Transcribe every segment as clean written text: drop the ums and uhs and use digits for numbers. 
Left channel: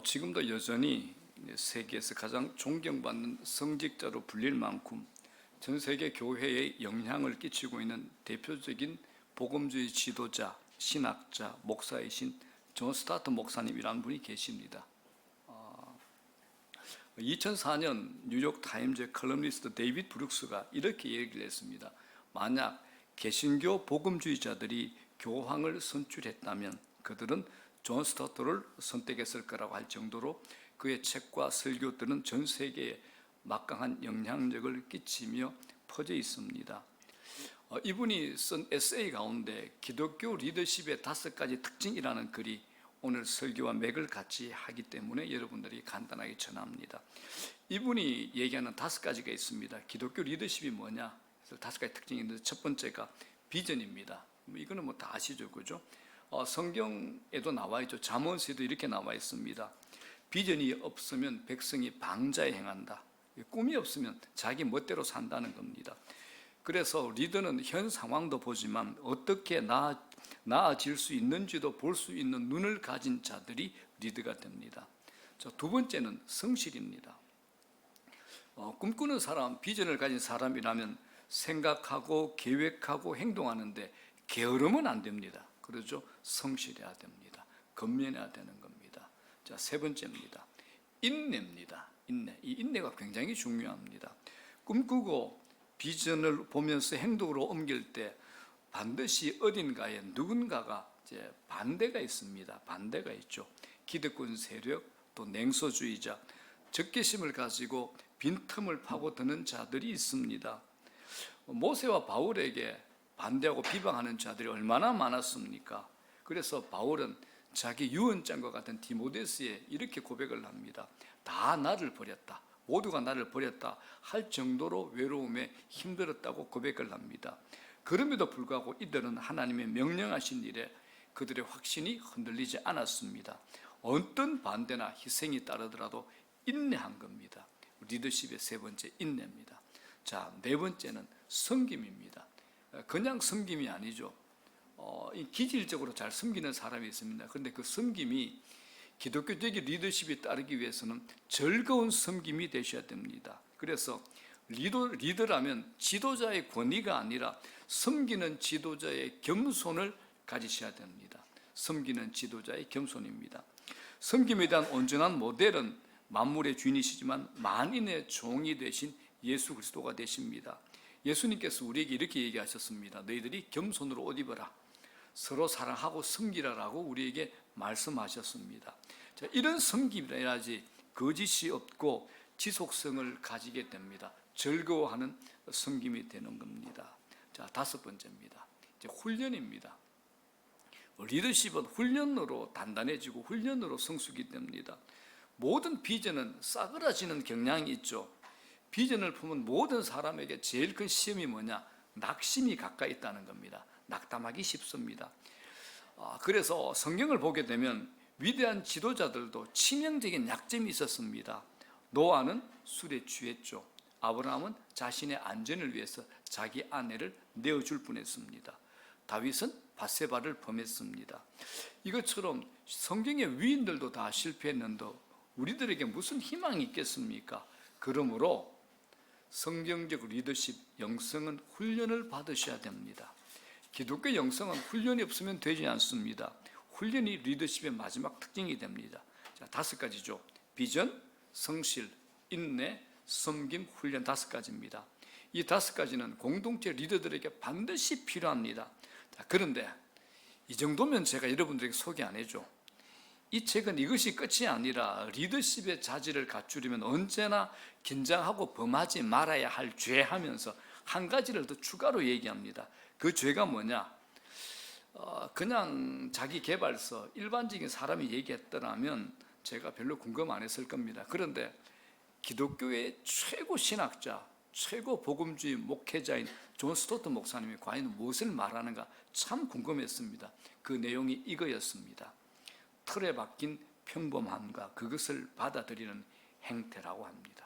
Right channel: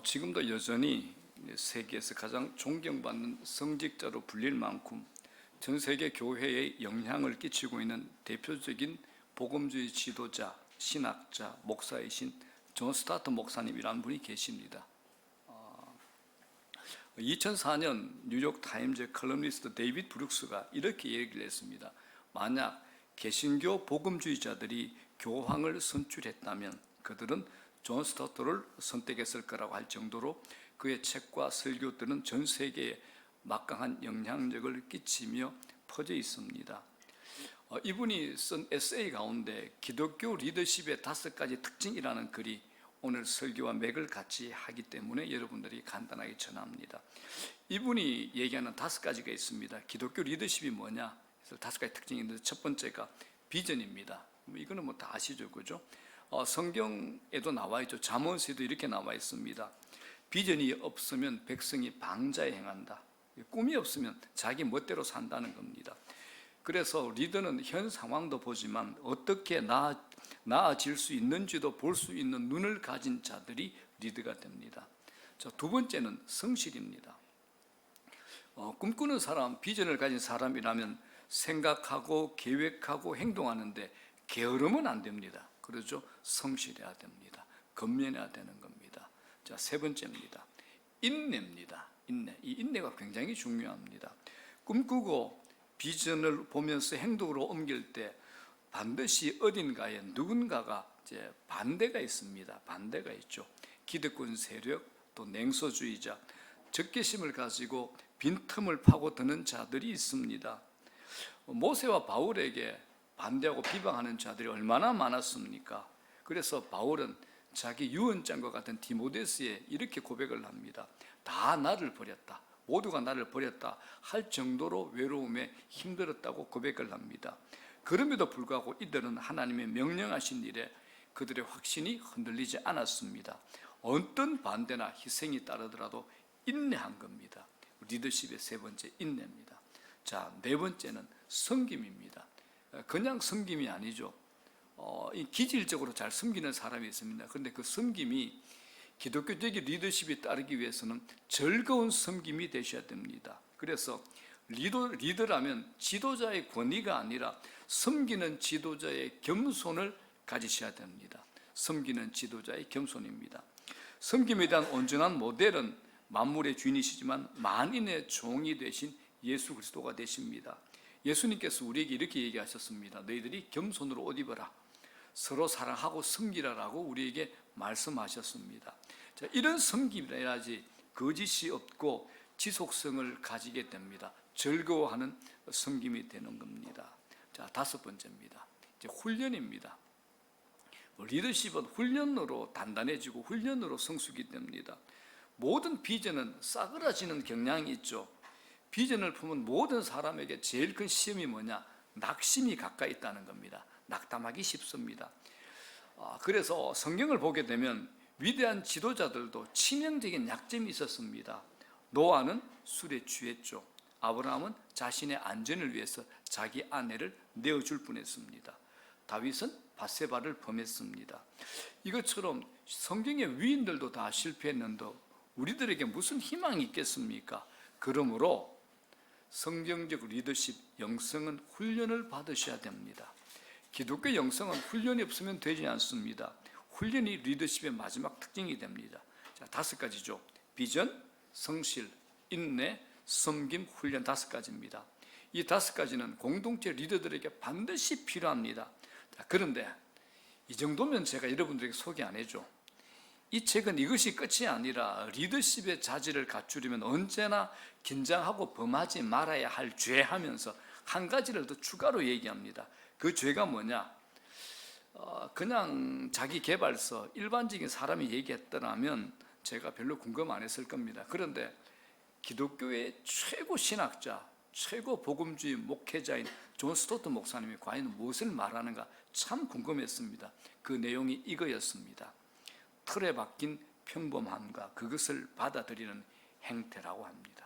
지금도 여전히 세계에서 가장 존경받는 성직자로 불릴 만큼 전 세계 교회에 영향을 끼치고 있는 대표적인 복음주의 지도자, 신학자, 목사이신 존 스타트 목사님이라는 분이 계십니다. 2004년 뉴욕 타임즈 컬럼니스트 데이빗 브룩스가 이렇게 얘기를 했습니다. 만약 개신교 복음주의자들이 교황을 선출했다면 그들은 존 스타트를 선택했을 거라고 할 정도로 그의 책과 설교들은 전 세계에 막강한 영향력을 끼치며 퍼져 있습니다. 이분이 쓴 에세이 가운데 기독교 리더십의 5가지 특징이라는 글이 오늘 설교와 맥을 같이 하기 때문에 여러분들이 간단하게 전합니다. 이분이 얘기하는 5가지가 있습니다. 기독교 리더십이 뭐냐? 그래서 5가지 특징이 있는데 첫 번째가 비전입니다. 이거는 뭐 다 아시죠, 그죠? 성경에도 나와 있죠. 잠언서에도 이렇게 나와 있습니다. 비전이 없으면 백성이 방자에 행한다. 꿈이 없으면 자기 멋대로 산다는 겁니다. 그래서 리더는 현 상황도 보지만 어떻게 나아질 수 있는지도 볼 수 있는 눈을 가진 자들이 리더가 됩니다. 자, 두 번째는 성실입니다. 꿈꾸는 사람, 비전을 가진 사람이라면 생각하고 계획하고 행동하는데 게으르면 안 됩니다. 그렇죠? 성실해야 됩니다. 근면해야 되는 겁니다. 자, 세 번째입니다. 인내입니다. 인내. 이 인내가 굉장히 중요합니다. 꿈꾸고 비전을 보면서 행동으로 옮길 때 반드시 어딘가에 누군가가 이제 반대가 있습니다. 반대가 있죠. 기득권 세력, 또 냉소주의자, 적개심을 가지고 빈틈을 파고드는 자들이 있습니다. 모세와 바울에게 반대하고 비방하는 자들이 얼마나 많았습니까? 그래서 바울은 자기 유언장과 같은 디모데스에 이렇게 고백을 합니다. 다 나를 버렸다. 모두가 나를 버렸다 할 정도로 외로움에 힘들었다고 고백을 합니다. 그럼에도 불구하고 이들은 하나님의 명령하신 일에 그들의 확신이 흔들리지 않았습니다. 어떤 반대나 희생이 따르더라도 인내한 겁니다. 리더십의 세 번째, 인내입니다. 자, 네 번째는 섬김입니다. 그냥 섬김이 아니죠. 기질적으로 잘 섬기는 사람이 있습니다. 그런데 그 섬김이 기독교적인 리더십이 따르기 위해서는 즐거운 섬김이 되셔야 됩니다. 그래서 리더라면 지도자의 권위가 아니라 섬기는 지도자의 겸손을 가지셔야 됩니다. 섬기는 지도자의 겸손입니다. 섬김에 대한 온전한 모델은 만물의 주인이시지만 만인의 종이 되신 예수 그리스도가 되십니다. 예수님께서 우리에게 이렇게 얘기하셨습니다. 너희들이 겸손으로 옷 입어라. 서로 사랑하고 섬기라라고 우리에게 말씀하셨습니다. 자, 이런 섬김이라야지 거짓이 없고 지속성을 가지게 됩니다. 즐거워하는 섬김이 되는 겁니다. 자, 다섯 번째입니다. 이제 훈련입니다. 리더십은 훈련으로 단단해지고 훈련으로 성숙이 됩니다. 모든 비전은 싸그라지는 경향이 있죠. 비전을 품은 모든 사람에게 제일 큰 시험이 뭐냐? 낙심이 가까이 있다는 겁니다. 낙담하기 쉽습니다. 그래서 성경을 보게 되면 위대한 지도자들도 치명적인 약점이 있었습니다. 노아는 술에 취했죠. 아브라함은 자신의 안전을 위해서 자기 아내를 내어줄 뻔했습니다. 다윗은 밧세바를 범했습니다. 이것처럼 성경의 위인들도 다 실패했는데 우리들에게 무슨 희망이 있겠습니까? 그러므로 성경적 리더십 영성은 훈련을 받으셔야 됩니다. 기독교 영성은 훈련이 없으면 되지 않습니다. 훈련이 리더십의 마지막 특징이 됩니다. 자, 5가지죠. 비전, 성실, 인내, 섬김, 훈련 5가지입니다. 이 5가지는 공동체 리더들에게 반드시 필요합니다. 자, 그런데 이 정도면 제가 여러분들에게 소개 안 해줘. 이 책은 이것이 끝이 아니라 리더십의 자질을 갖추려면 언제나 긴장하고 범하지 말아야 할 죄 하면서 한 가지를 더 추가로 얘기합니다. 그 죄가 뭐냐? 그냥 자기 개발서 일반적인 사람이 얘기했더라면 제가 별로 궁금 안 했을 겁니다. 그런데 기독교의 최고 신학자, 최고 복음주의 목회자인 존 스토트 목사님이 과연 무엇을 말하는가 참 궁금했습니다. 그 내용이 이거였습니다. 틀에 박힌 평범함과 그것을 받아들이는 행태라고 합니다.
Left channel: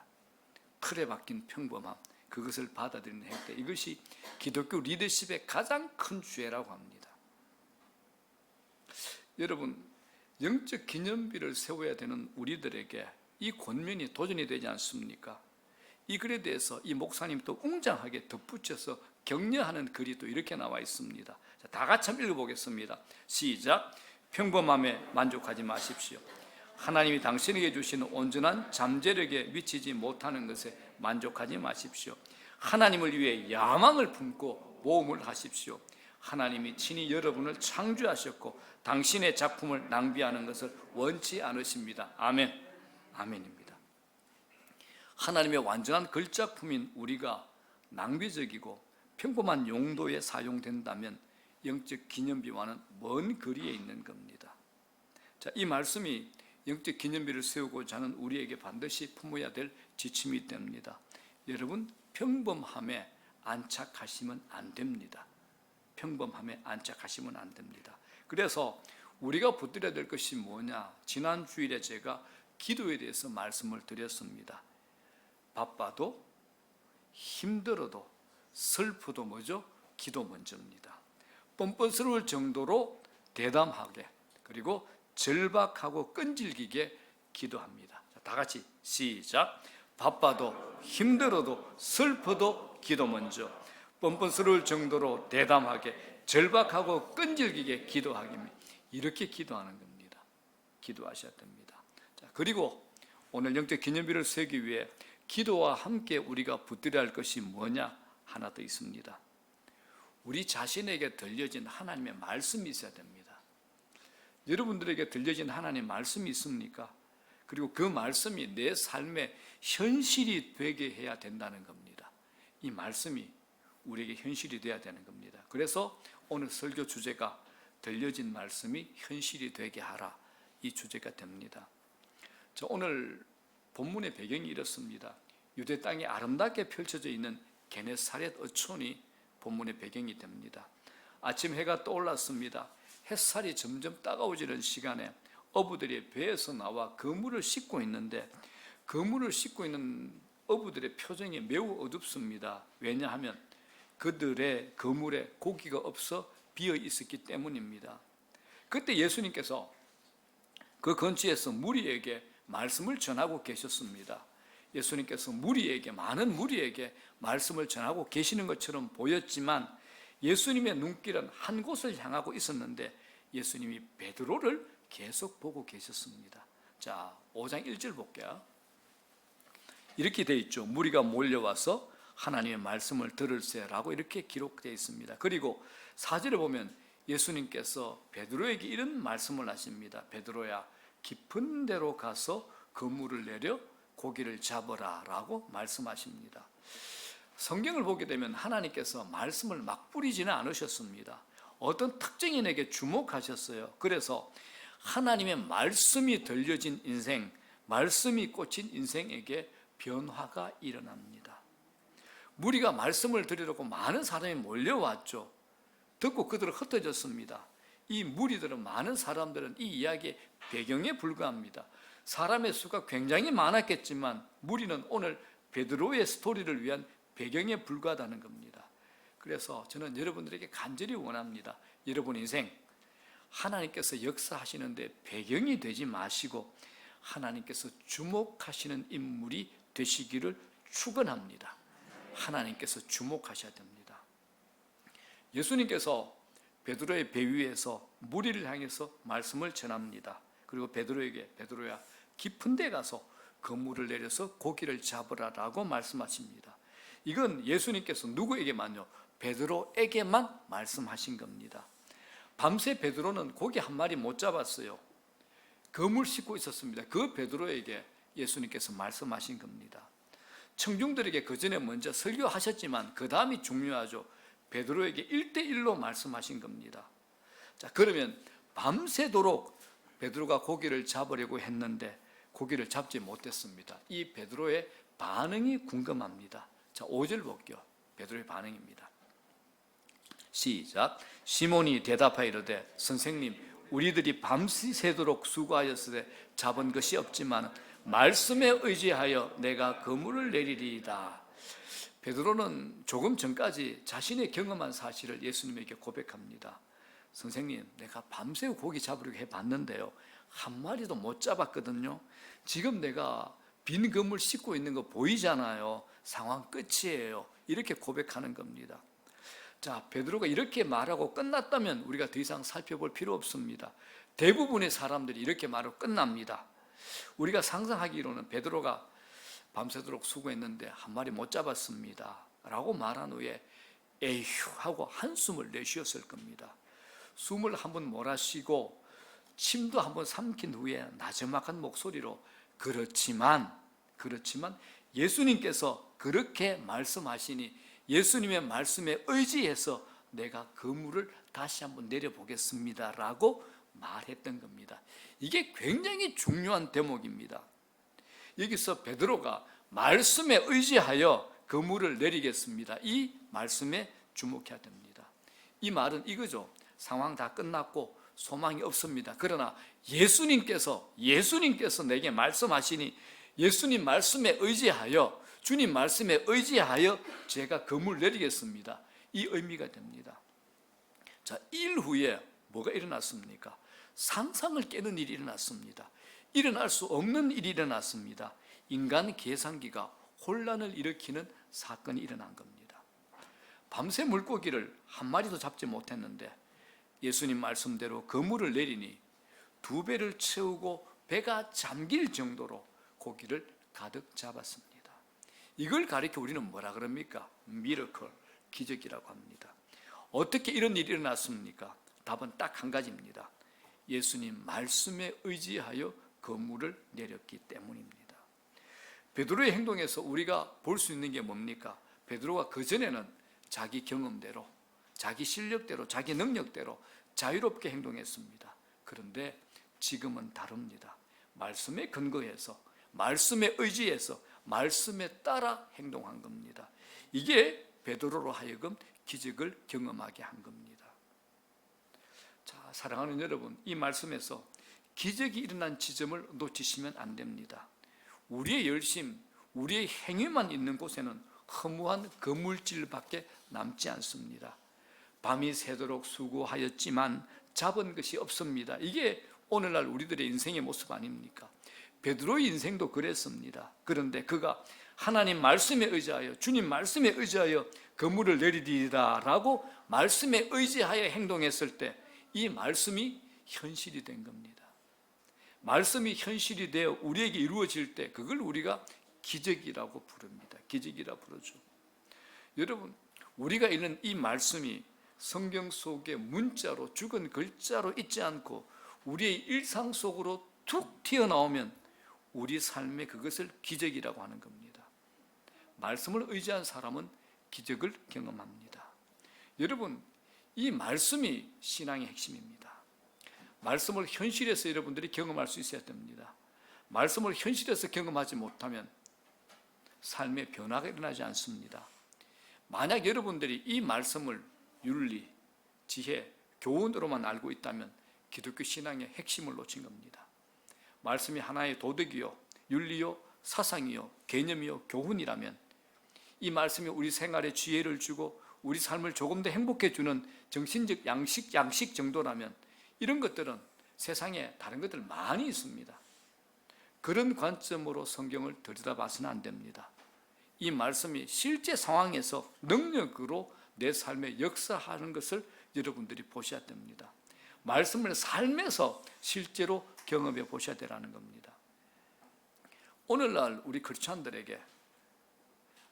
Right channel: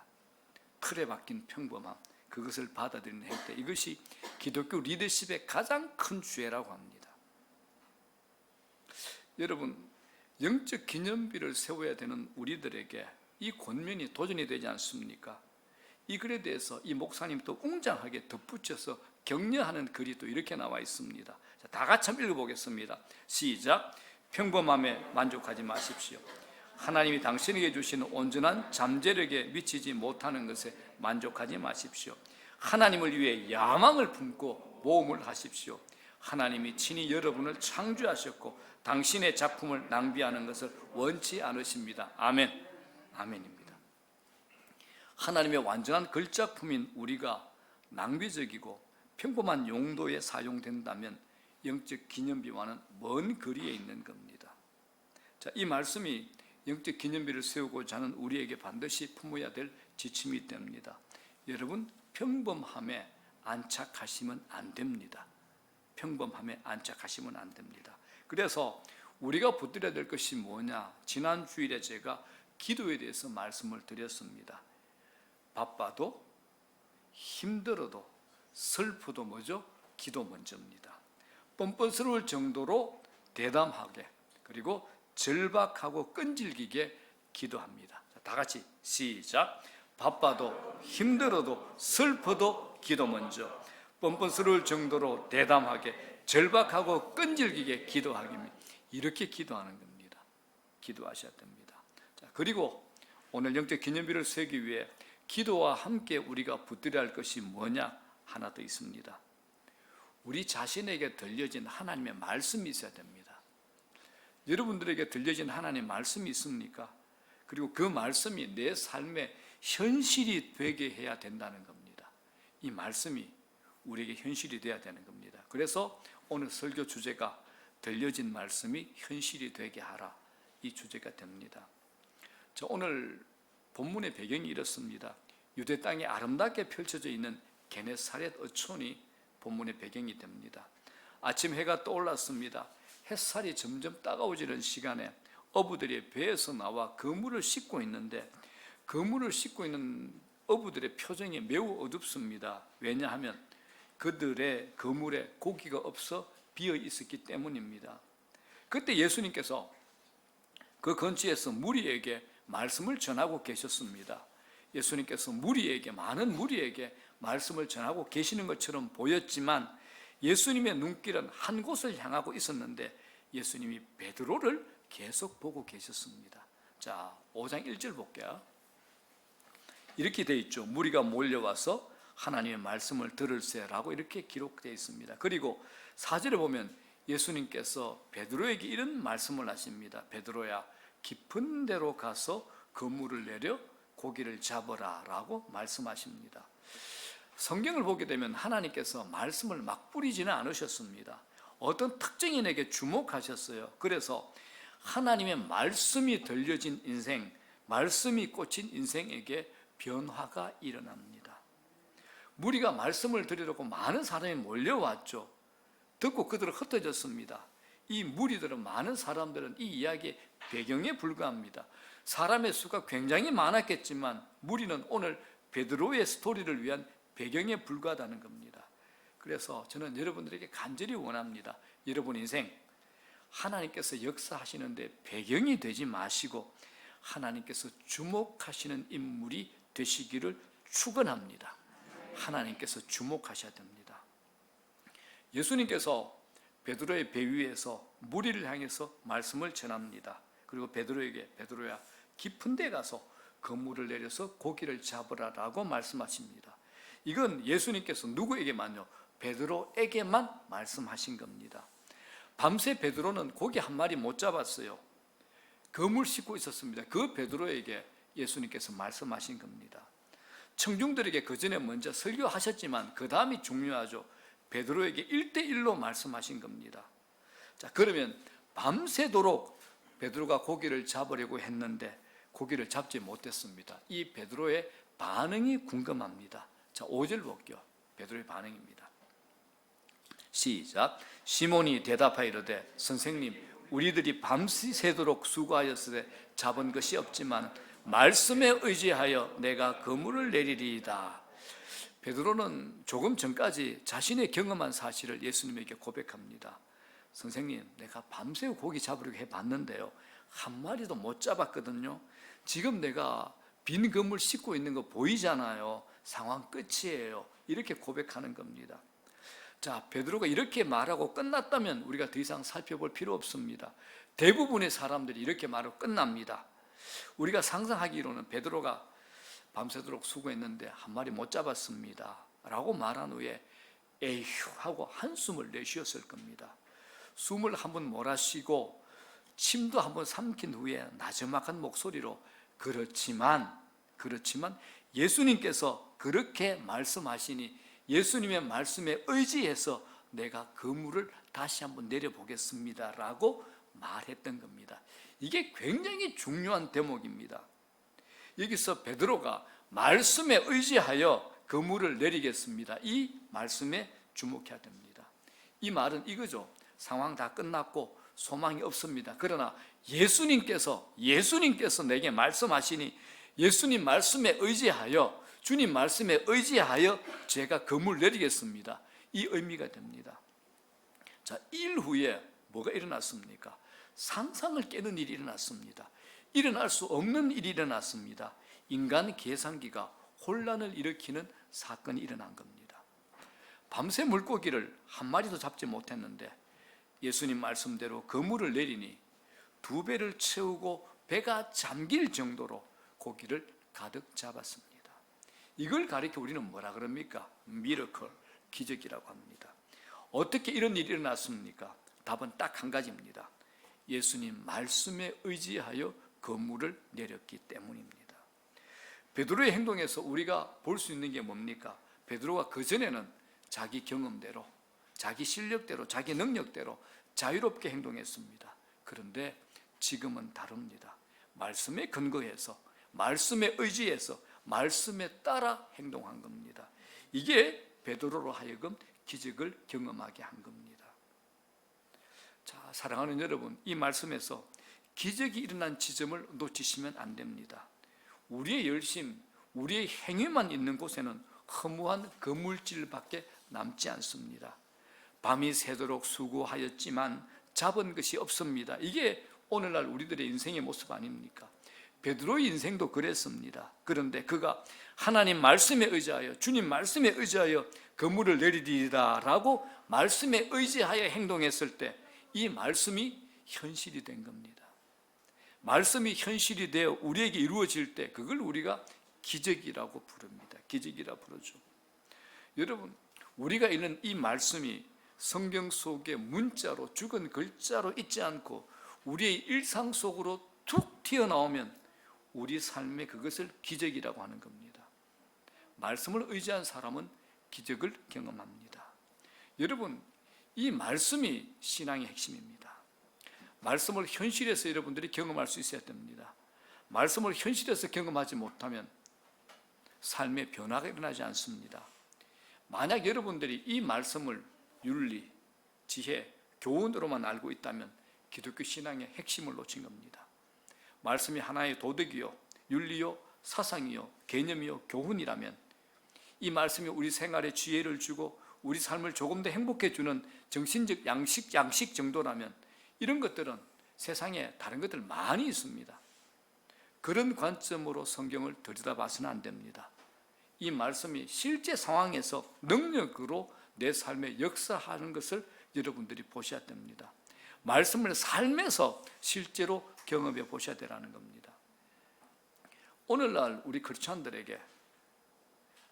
틀에 박힌 평범함, 그것을 받아들이는 행태, 이것이 기독교 리더십의 가장 큰 죄라고 합니다. 여러분, 영적 기념비를 세워야 되는 우리들에게 이 권면이 도전이 되지 않습니까? 이 글에 대해서 이 목사님 또 웅장하게 덧붙여서 격려하는 글이 또 이렇게 나와 있습니다. 자, 다 같이 한번 읽어보겠습니다. 시작. 평범함에 만족하지 마십시오. 하나님이 당신에게 주시는 온전한 잠재력에 미치지 못하는 것에 만족하지 마십시오. 하나님을 위해 야망을 품고 모험을 하십시오. 하나님이 친히 여러분을 창조하셨고 당신의 작품을 낭비하는 것을 원치 않으십니다. 아멘. 아멘입니다. 하나님의 완전한 글작품인 우리가 낭비적이고 평범한 용도에 사용된다면 영적 기념비와는 먼 거리에 있는 겁니다. 자, 이 말씀이 영적 기념비를 세우고자 하는 우리에게 반드시 품어야 될 지침이 됩니다. 여러분, 평범함에 안착하시면 안 됩니다. 평범함에 안착하시면 안 됩니다. 그래서 우리가 붙들어야 될 것이 뭐냐? 지난 주일에 제가 기도에 대해서 말씀을 드렸습니다. 바빠도 힘들어도 슬프도 뭐죠? 기도 먼저입니다. 뻔뻔스러울 정도로 대담하게 그리고 절박하고 끈질기게 기도합니다. 다 같이 시작. 바빠도 힘들어도 슬퍼도 기도 먼저. 뻔뻔스러울 정도로 대담하게 절박하고 끈질기게 기도하기입니다. 이렇게 기도하는 겁니다. 기도하셔야 됩니다. 자, 그리고 오늘 영적 기념비를 세우기 위해 기도와 함께 우리가 붙들어야 할 것이 뭐냐? 하나 더 있습니다. 우리 자신에게 들려진 하나님의 말씀이 있어야 됩니다. 여러분들에게 들려진 하나님의 말씀이 있습니까? 그리고 그 말씀이 내 삶의 현실이 되게 해야 된다는 겁니다. 이 말씀이 우리에게 현실이 되어야 되는 겁니다. 그래서 오늘 설교 주제가 들려진 말씀이 현실이 되게 하라, 이 주제가 됩니다. 자, 오늘 본문의 배경이 이렇습니다. 유대 땅에 아름답게 펼쳐져 있는 게네사렛 어촌이 본문의 배경이 됩니다. 아침 해가 떠올랐습니다. 햇살이 점점 따가워지는 시간에 어부들이 배에서 나와 그물을 씻고 있는데 그물을 씻고 있는 어부들의 표정이 매우 어둡습니다. 왜냐하면 그들의 그물에 고기가 없어 비어 있었기 때문입니다. 그때 예수님께서 그 근처에서 무리에게 말씀을 전하고 계셨습니다. 예수님께서 많은 무리에게 말씀을 전하고 계시는 것처럼 보였지만 예수님의 눈길은 한 곳을 향하고 있었는데 예수님이 베드로를 계속 보고 계셨습니다. 자, 5장 1절 볼게요. 이렇게 되어 있죠. 무리가 몰려와서 하나님의 말씀을 들을세라고 이렇게 기록되어 있습니다. 그리고 4절에 보면 예수님께서 베드로에게 이런 말씀을 하십니다. 베드로야, 깊은 데로 가서 그물을 내려 고기를 잡아라 라고 말씀하십니다. 성경을 보게 되면 하나님께서 말씀을 막 뿌리지는 않으셨습니다. 어떤 특정인에게 주목하셨어요. 그래서 하나님의 말씀이 들려진 인생, 말씀이 꽂힌 인생에게 변화가 일어납니다. 무리가 말씀을 들으려고 많은 사람이 몰려왔죠. 듣고 그들은 흩어졌습니다. 이 무리들은, 많은 사람들은 이 이야기의 배경에 불과합니다. 사람의 수가 굉장히 많았겠지만 무리는 오늘 베드로의 스토리를 위한 배경에 불과하다는 겁니다. 그래서 저는 여러분들에게 간절히 원합니다. 여러분 인생 하나님께서 역사하시는데 배경이 되지 마시고 하나님께서 주목하시는 인물이 되시기를 축원합니다. 하나님께서 주목하셔야 됩니다. 예수님께서 베드로의 배 위에서 무리를 향해서 말씀을 전합니다. 그리고 베드로에게, 베드로야, 깊은 데 가서 그물을 내려서 고기를 잡으라라고 말씀하십니다. 이건 예수님께서 누구에게만요? 베드로에게만 말씀하신 겁니다. 밤새 베드로는 고기 한 마리 못 잡았어요. 그물 씻고 있었습니다. 그 베드로에게 예수님께서 말씀하신 겁니다. 청중들에게 그 전에 먼저 설교하셨지만 그 다음이 중요하죠. 베드로에게 1대1로 말씀하신 겁니다. 자, 그러면 밤새도록 베드로가 고기를 잡으려고 했는데 고기를 잡지 못했습니다. 이 베드로의 반응이 궁금합니다. 자, 5절 볼게요. 베드로의 반응입니다. 시작. 시몬이 대답하여 이르되 선생님, 우리들이 밤새도록 수고하였으되 잡은 것이 없지만 말씀에 의지하여 내가 그물을 내리리이다. 베드로는 조금 전까지 자신의 경험한 사실을 예수님에게 고백합니다. 선생님, 내가 밤새 고기 잡으려고 해봤는데요, 한 마리도 못 잡았거든요. 지금 내가 빈 그물 씻고 있는 거 보이잖아요. 상황 끝이에요. 이렇게 고백하는 겁니다. 자, 베드로가 이렇게 말하고 끝났다면 우리가 더 이상 살펴볼 필요 없습니다. 대부분의 사람들이 이렇게 말하고 끝납니다. 우리가 상상하기로는 베드로가 밤새도록 수고했는데 한 마리 못 잡았습니다 라고 말한 후에 에휴 하고 한숨을 내쉬었을 겁니다. 숨을 한번 몰아쉬고 침도 한번 삼킨 후에 나지막한 목소리로 그렇지만 예수님께서 그렇게 말씀하시니 예수님의 말씀에 의지해서 내가 그물을 다시 한번 내려보겠습니다 라고 말했던 겁니다. 이게 굉장히 중요한 대목입니다. 여기서 베드로가 말씀에 의지하여 그물을 내리겠습니다. 이 말씀에 주목해야 됩니다. 이 말은 이거죠. 상황 다 끝났고 소망이 없습니다. 그러나 예수님께서 내게 말씀하시니 예수님 말씀에 의지하여 주님 말씀에 의지하여 제가 그물 내리겠습니다. 이 의미가 됩니다. 자, 일 후에 뭐가 일어났습니까? 상상을 깨는 일이 일어났습니다. 일어날 수 없는 일이 일어났습니다. 인간 계산기가 혼란을 일으키는 사건이 일어난 겁니다. 밤새 물고기를 한 마리도 잡지 못했는데 예수님 말씀대로 그물을 내리니 2배를 채우고 배가 잠길 정도로 고기를 가득 잡았습니다. 이걸 가리켜 우리는 뭐라 그럽니까? 미러클, 기적이라고 합니다. 어떻게 이런 일이 일어났습니까? 답은 딱 한 가지입니다. 예수님 말씀에 의지하여 그물을 내렸기 때문입니다. 베드로의 행동에서 우리가 볼 수 있는 게 뭡니까? 베드로가 그전에는 자기 경험대로, 자기 실력대로, 자기 능력대로 자유롭게 행동했습니다. 그런데 지금은 다릅니다. 말씀에 근거해서, 말씀에 의지해서, 말씀에 따라 행동한 겁니다. 이게 베드로로 하여금 기적을 경험하게 한 겁니다. 자, 사랑하는 여러분, 이 말씀에서 기적이 일어난 지점을 놓치시면 안 됩니다. 우리의 열심, 우리의 행위만 있는 곳에는 허무한 그물질밖에 남지 않습니다. 밤이 새도록 수고하였지만 잡은 것이 없습니다. 이게 오늘날 우리들의 인생의 모습 아닙니까? 베드로의 인생도 그랬습니다. 그런데 그가 하나님 말씀에 의지하여, 주님 말씀에 의지하여 그물을 내리리라 라고 말씀에 의지하여 행동했을 때 이 말씀이 현실이 된 겁니다. 말씀이 현실이 되어 우리에게 이루어질 때 그걸 우리가 기적이라고 부릅니다. 기적이라고 부르죠. 여러분, 우리가 읽는 이 말씀이 성경 속에 문자로, 죽은 글자로 있지 않고 우리의 일상 속으로 툭 튀어나오면 우리 삶에 그것을 기적이라고 하는 겁니다. 말씀을 의지한 사람은 기적을 경험합니다. 여러분, 이 말씀이 신앙의 핵심입니다. 말씀을 현실에서 여러분들이 경험할 수 있어야 됩니다. 말씀을 현실에서 경험하지 못하면 삶의 변화가 일어나지 않습니다. 만약 여러분들이 이 말씀을 윤리, 지혜, 교훈으로만 알고 있다면 기독교 신앙의 핵심을 놓친 겁니다. 말씀이 하나의 도덕이요, 윤리요, 사상이요, 개념이요, 교훈이라면 이 말씀이 우리 생활에 지혜를 주고 우리 삶을 조금 더 행복해 주는 정신적 양식 정도라면 이런 것들은 세상에 다른 것들 많이 있습니다. 그런 관점으로 성경을 들여다봐서는 안 됩니다. 이 말씀이 실제 상황에서 능력으로 내 삶에 역사하는 것을 여러분들이 보셔야 됩니다. 말씀을 삶에서 실제로 경험해 보셔야 되라는 겁니다. 오늘날 우리 크리스천들에게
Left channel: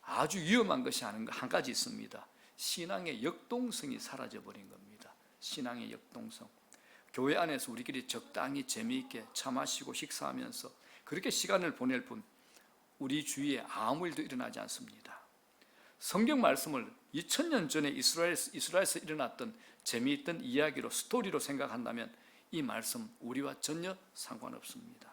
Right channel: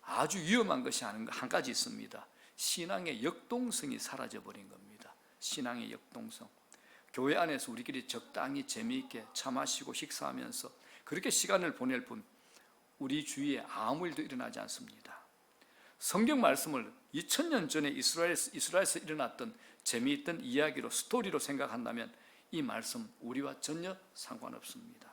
아주 위험한 것이 한 가지 있습니다. 신앙의 역동성이 사라져버린 겁니다. 신앙의 역동성. 교회 안에서 우리끼리 적당히 재미있게 차 마시고 식사하면서 그렇게 시간을 보낼 뿐 우리 주위에 아무 일도 일어나지 않습니다. 성경 말씀을 2000년 전에 이스라엘에서 일어났던 재미있던 이야기로, 스토리로 생각한다면 이 말씀 우리와 전혀 상관없습니다.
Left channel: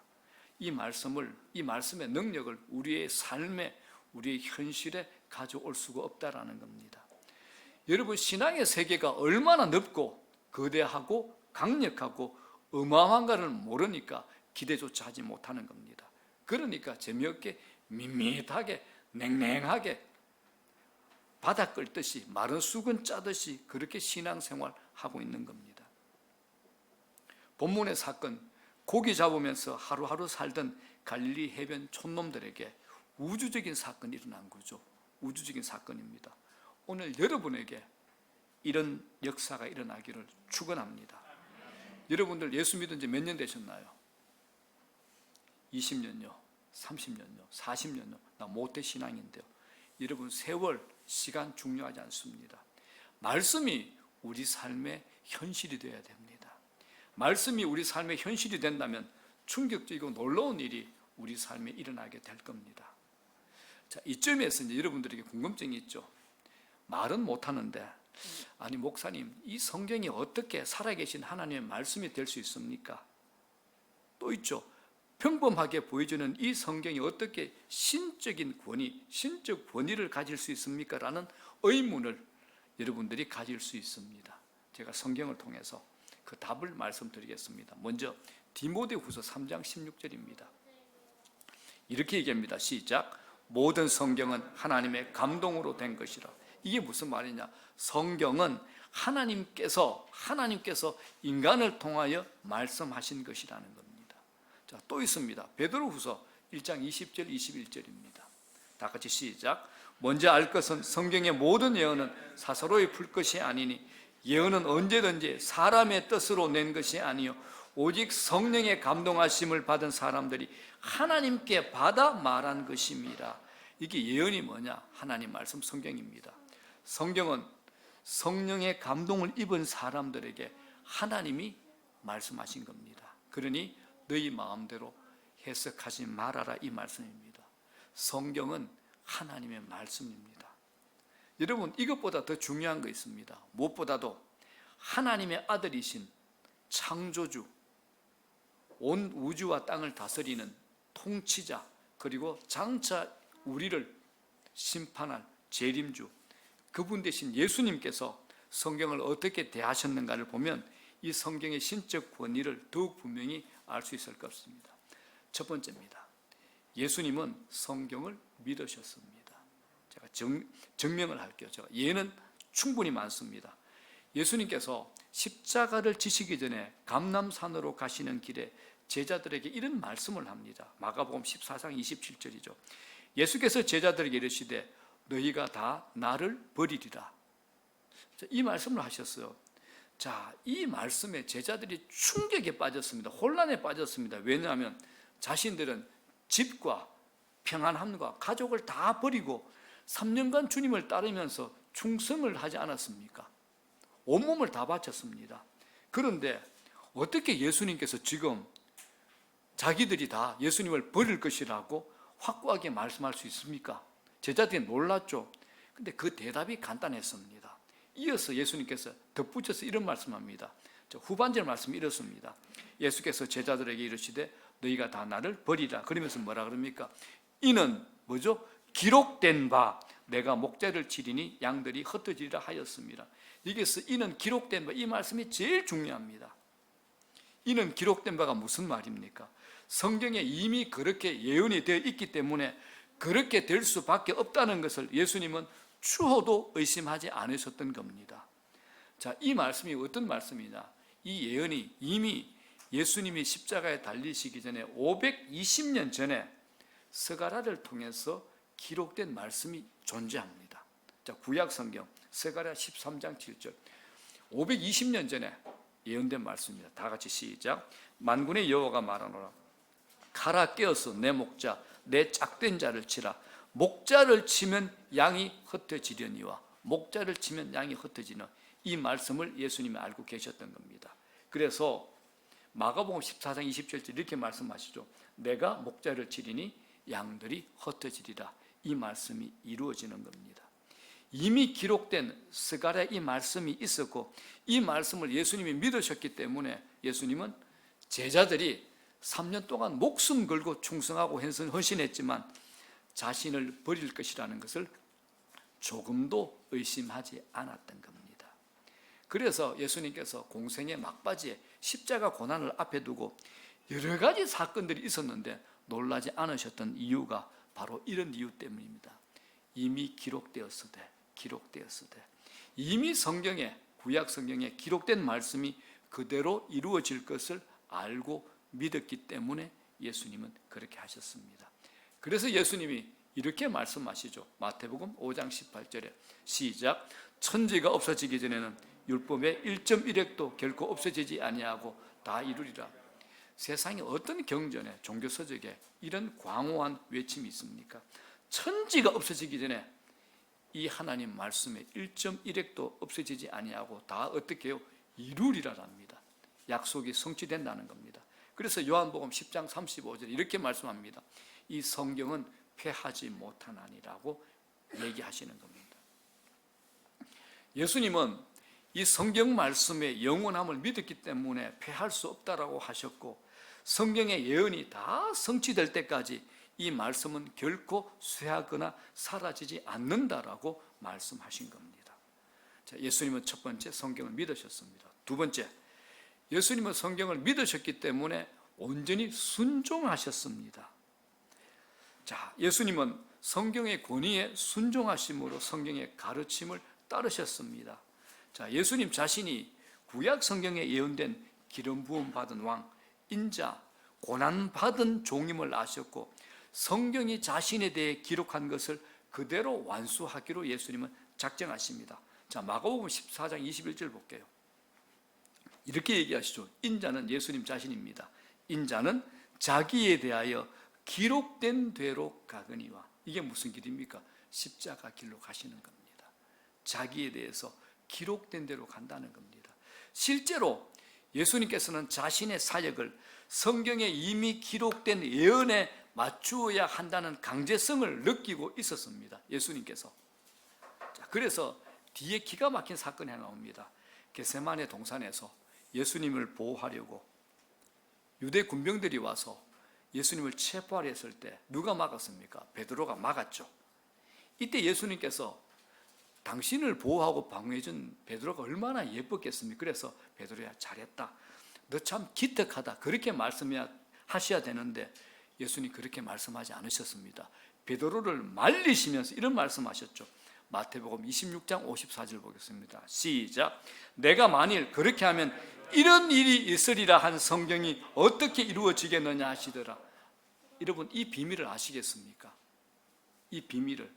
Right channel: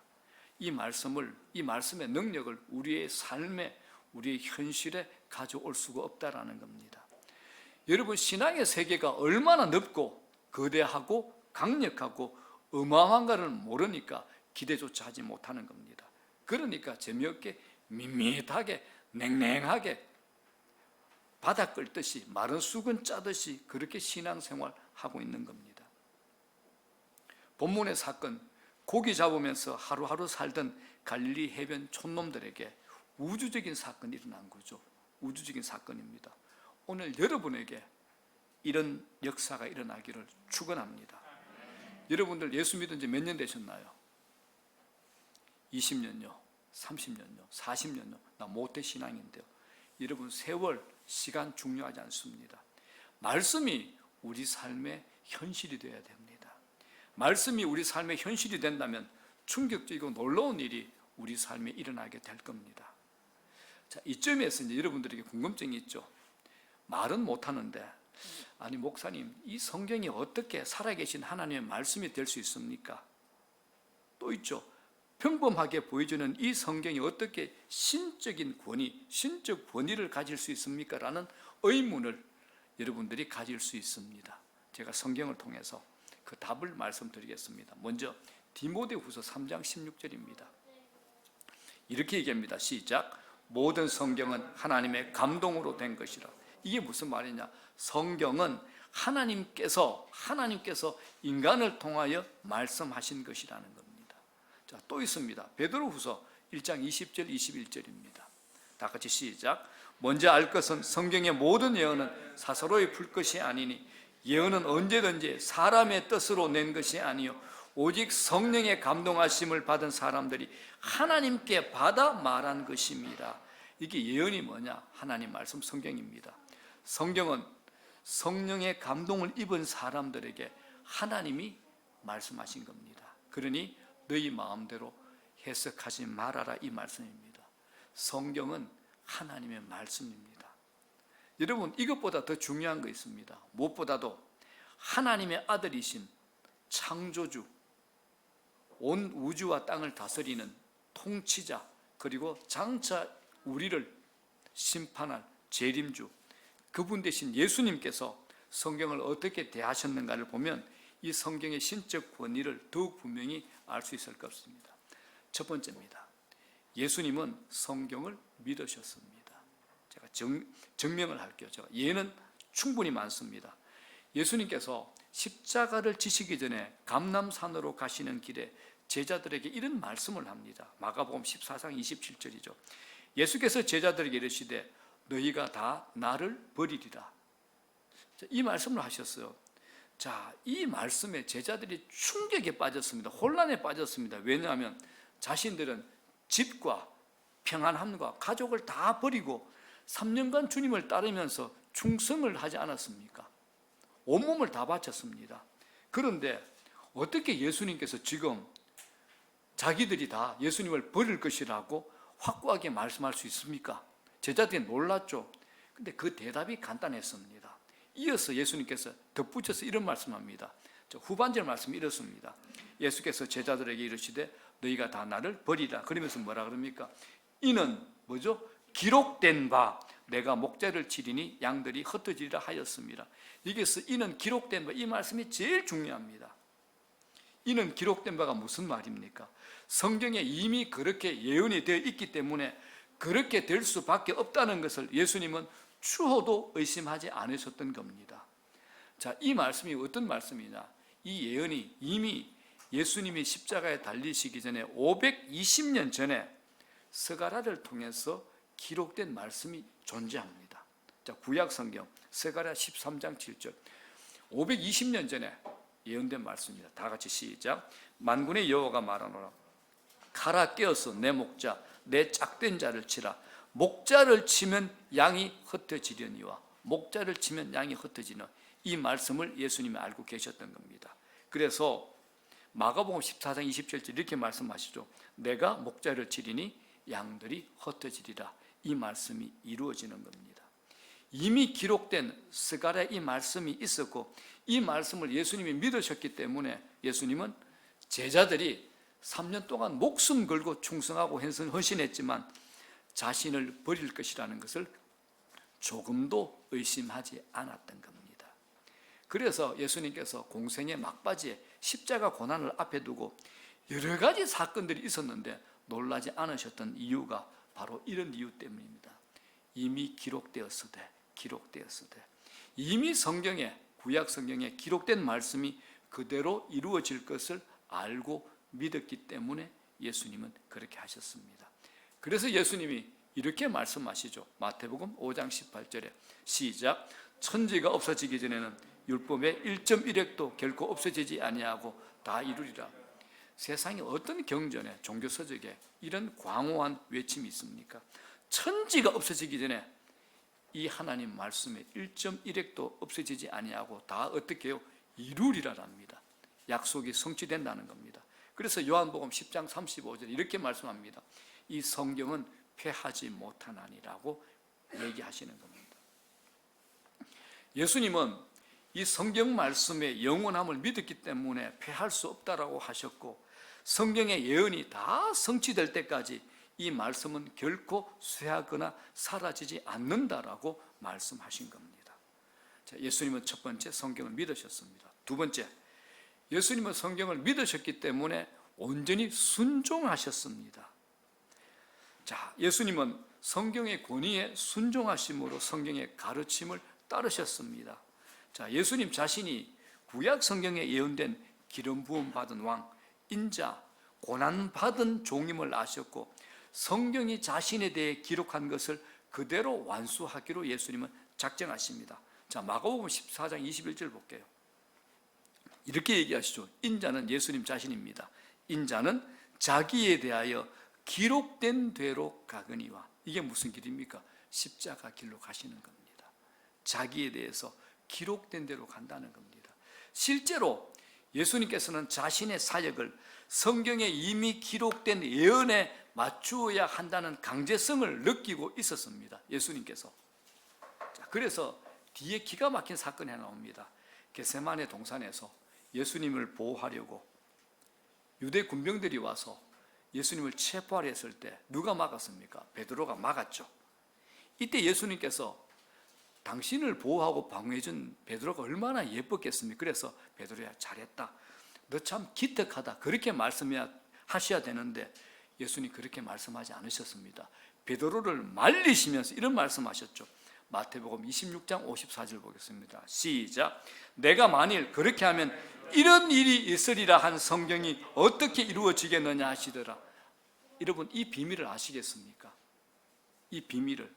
이 말씀의 능력을 우리의 삶에, 우리의 현실에 가져올 수가 없다라는 겁니다. 여러분, 신앙의 세계가 얼마나 넓고 거대하고 강력하고 어마어마한가를 모르니까 기대조차 하지 못하는 겁니다. 그러니까 재미없게 밋밋하게 냉랭하게 바닥 끓듯이 마른 수건 짜듯이 그렇게 신앙생활하고 있는 겁니다. 본문의 사건, 고기 잡으면서 하루하루 살던 갈릴리 해변 촌놈들에게 우주적인 사건이 일어난 거죠. 우주적인 사건입니다. 오늘 여러분에게 이런 역사가 일어나기를 축원합니다. 여러분들 예수 믿은 지 몇 년 되셨나요? 20년요, 30년요, 40년요. 나 모태 신앙인데요. 여러분 세월, 시간 중요하지 않습니다. 말씀이 우리 삶의 현실이 되어야 됩니다. 말씀이 우리 삶의 현실이 된다면 충격적이고 놀라운 일이 우리 삶에 일어나게 될 겁니다. 자, 이점에서 이제 여러분들에게 궁금증이 있죠. 말은 못하는데, 아니 목사님, 이 성경이 어떻게 살아계신 하나님의 말씀이 될 수 있습니까? 또 있죠. 평범하게 보여주는 이 성경이 어떻게 신적인 권위, 신적 권위를 가질 수 있습니까? 라는 의문을 여러분들이 가질 수 있습니다. 제가 성경을 통해서 그 답을 말씀드리겠습니다. 먼저 디모데후서 3장 16절입니다. 이렇게 얘기합니다. 시작. 모든 성경은 하나님의 감동으로 된 것이라. 이게 무슨 말이냐? 성경은 하나님께서 인간을 통하여 말씀하신 것이라는 겁니다. 자, 또 있습니다. 베드로후서 1장 20절 21절입니다. 다 같이 시작. 먼저 알 것은 성경의 모든 예언은 사사로이 풀 것이 아니니 예언은 언제든지 사람의 뜻으로 낸 것이 아니요 오직 성령의 감동하심을 받은 사람들이 하나님께 받아 말한 것입니다. 이게 예언이 뭐냐? 하나님 말씀 성경입니다. 성경은 성령의 감동을 입은 사람들에게 하나님이 말씀하신 겁니다. 그러니 너희 마음대로 해석하지 말아라, 이 말씀입니다. 성경은 하나님의 말씀입니다. 여러분, 이것보다 더 중요한 거 있습니다. 무엇보다도 하나님의 아들이신 창조주, 온 우주와 땅을 다스리는 통치자, 그리고 장차 우리를 심판할 재림주, 그분 대신 예수님께서 성경을 어떻게 대하셨는가를 보면 이 성경의 신적 권위를 더욱 분명히 알 수 있을 것입니다. 첫 번째입니다. 예수님은 성경을 믿으셨습니다. 제가 증명을 할게요. 제가 예는 충분히 많습니다. 예수님께서 십자가를 지시기 전에 감람산으로 가시는 길에 제자들에게 이런 말씀을 합니다. 마가복음 14장 27절이죠. 예수께서 제자들에게 이르시되 너희가 다 나를 버리리라. 이 말씀을 하셨어요. 자, 이 말씀에 제자들이 충격에 빠졌습니다. 혼란에 빠졌습니다. 왜냐하면 자신들은 집과 평안함과 가족을 다 버리고 3년간 주님을 따르면서 충성을 하지 않았습니까? 온몸을 다 바쳤습니다. 그런데 어떻게 예수님께서 지금 자기들이 다 예수님을 버릴 것이라고 확고하게 말씀할 수 있습니까? 제자들이 놀랐죠. 근데 그 대답이 간단했습니다. 이어서 예수님께서 덧붙여서 이런 말씀합니다. 후반절 말씀이 이렇습니다. 예수께서 제자들에게 이르시되 너희가 다 나를 버리라. 그러면서 뭐라 그럽니까? 이는 뭐죠? 기록된 바 내가 목자를 치리니 양들이 흩어지리라 하였습니다. 여기서 이는 기록된 바, 이 말씀이 제일 중요합니다. 이는 기록된 바가 무슨 말입니까? 성경에 이미 그렇게 예언이 되어 있기 때문에 그렇게 될 수밖에 없다는 것을 예수님은 추호도 의심하지 않으셨던 겁니다. 자, 이 말씀이 어떤 말씀이냐? 이 예언이 이미 예수님이 십자가에 달리시기 전에 520년 전에 스가랴를 통해서 기록된 말씀이 존재합니다. 자, 구약 성경 스가랴 13장 7절. 520년 전에 예언된 말씀입니다. 다 같이 시작. 만군의 여호와가 말하노라. 가라 깨어서 내 목자 내 짝된 자를 치라. 목자를 치면 양이 흩어지려니와 목자를 치면 양이 흩어지는 이 말씀을 예수님이 알고 계셨던 겁니다. 그래서 마가복음 14장 27절 이렇게 말씀하시죠. 내가 목자를 치리니 양들이 흩어지리라. 이 말씀이 이루어지는 겁니다. 이미 기록된 스가랴 이 말씀이 있었고 이 말씀을 예수님이 믿으셨기 때문에 예수님은 제자들이 3년 동안 목숨 걸고 충성하고 헌신했지만 자신을 버릴 것이라는 것을 조금도 의심하지 않았던 겁니다. 그래서 예수님께서 공생의 막바지에 십자가 고난을 앞에 두고 여러 가지 사건들이 있었는데 놀라지 않으셨던 이유가 바로 이런 이유 때문입니다. 이미 기록되었으되 이미 성경에 구약 성경에 기록된 말씀이 그대로 이루어질 것을 알고 믿었기 때문에 예수님은 그렇게 하셨습니다. 그래서 예수님이 이렇게 말씀하시죠. 마태복음 5장 18절에 시작. 천지가 없어지기 전에는 율법의 1.1획도 결코 없어지지 아니하고 다 이루리라. 세상에 어떤 경전에 종교서적에 이런 광호한 외침이 있습니까? 천지가 없어지기 전에 이 하나님 말씀의 1.1획도 없어지지 아니하고 다 어떻게 해요? 이루리라랍니다. 약속이 성취된다는 겁니다. 그래서 요한복음 10장 35절에 이렇게 말씀합니다. 이 성경은 패하지 못하나니라고 얘기하시는 겁니다. 예수님은 이 성경 말씀의 영원함을 믿었기 때문에 패할 수 없다라고 하셨고, 성경의 예언이 다 성취될 때까지 이 말씀은 결코 쇠하거나 사라지지 않는다라고 말씀하신 겁니다. 자, 예수님은 첫 번째 성경을 믿으셨습니다. 두 번째, 예수님은 성경을 믿으셨기 때문에 온전히 순종하셨습니다. 자, 예수님은 성경의 권위에 순종하심으로 성경의 가르침을 따르셨습니다. 자, 예수님 자신이 구약 성경에 예언된 기름 부음 받은 왕, 인자, 고난 받은 종임을 아셨고, 성경이 자신에 대해 기록한 것을 그대로 완수하기로 예수님은 작정하십니다. 자, 마가복음 14장 21절 볼게요. 이렇게 얘기하시죠. 인자는 예수님 자신입니다. 인자는 자기에 대하여 기록된 대로 가거니와. 이게 무슨 길입니까? 십자가 길로 가시는 겁니다. 자기에 대해서 기록된 대로 간다는 겁니다. 실제로 예수님께서는 자신의 사역을 성경에 이미 기록된 예언에 맞추어야 한다는 강제성을 느끼고 있었습니다. 예수님께서. 자, 그래서 뒤에 기가 막힌 사건이 하나 나옵니다. 겟세마네 동산에서 예수님을 보호하려고 유대 군병들이 와서 예수님을 체포하려 했을 때 누가 막았습니까? 베드로가 막았죠. 이때 예수님께서 당신을 보호하고 방어해준 베드로가 얼마나 예뻤겠습니까? 그래서 베드로야, 잘했다. 너 참 기특하다. 그렇게 말씀하셔야 되는데 예수님 그렇게 말씀하지 않으셨습니다. 베드로를 말리시면서 이런 말씀하셨죠. 마태복음 26장 54절 보겠습니다. 시작. 내가 만일 그렇게 하면 이런 일이 있으리라 한 성경이 어떻게 이루어지겠느냐 하시더라. 여러분, 이 비밀을 아시겠습니까? 이 비밀을.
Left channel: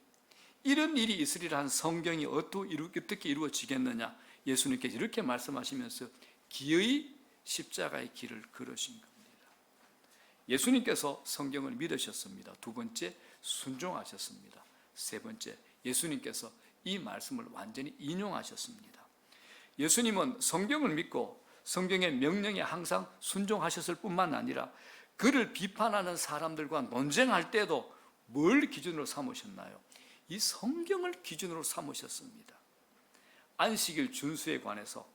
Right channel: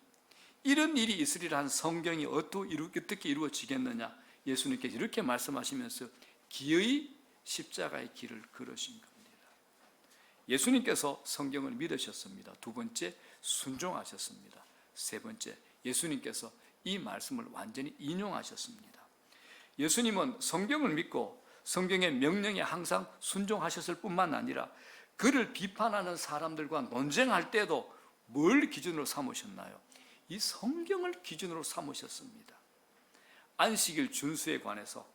이런 일이 있으리라 한 성경이 어떻게 이루어지겠느냐. 예수님께서 이렇게 말씀하시면서 기어이 십자가의 길을 걸으신 겁니다. 예수님께서 성경을 믿으셨습니다. 두 번째, 순종하셨습니다. 세 번째, 예수님께서 이 말씀을 완전히 인용하셨습니다. 예수님은 성경을 믿고 성경의 명령에 항상 순종하셨을 뿐만 아니라 그를 비판하는 사람들과 논쟁할 때도 뭘 기준으로 삼으셨나요? 이 성경을 기준으로 삼으셨습니다. 안식일 준수에 관해서,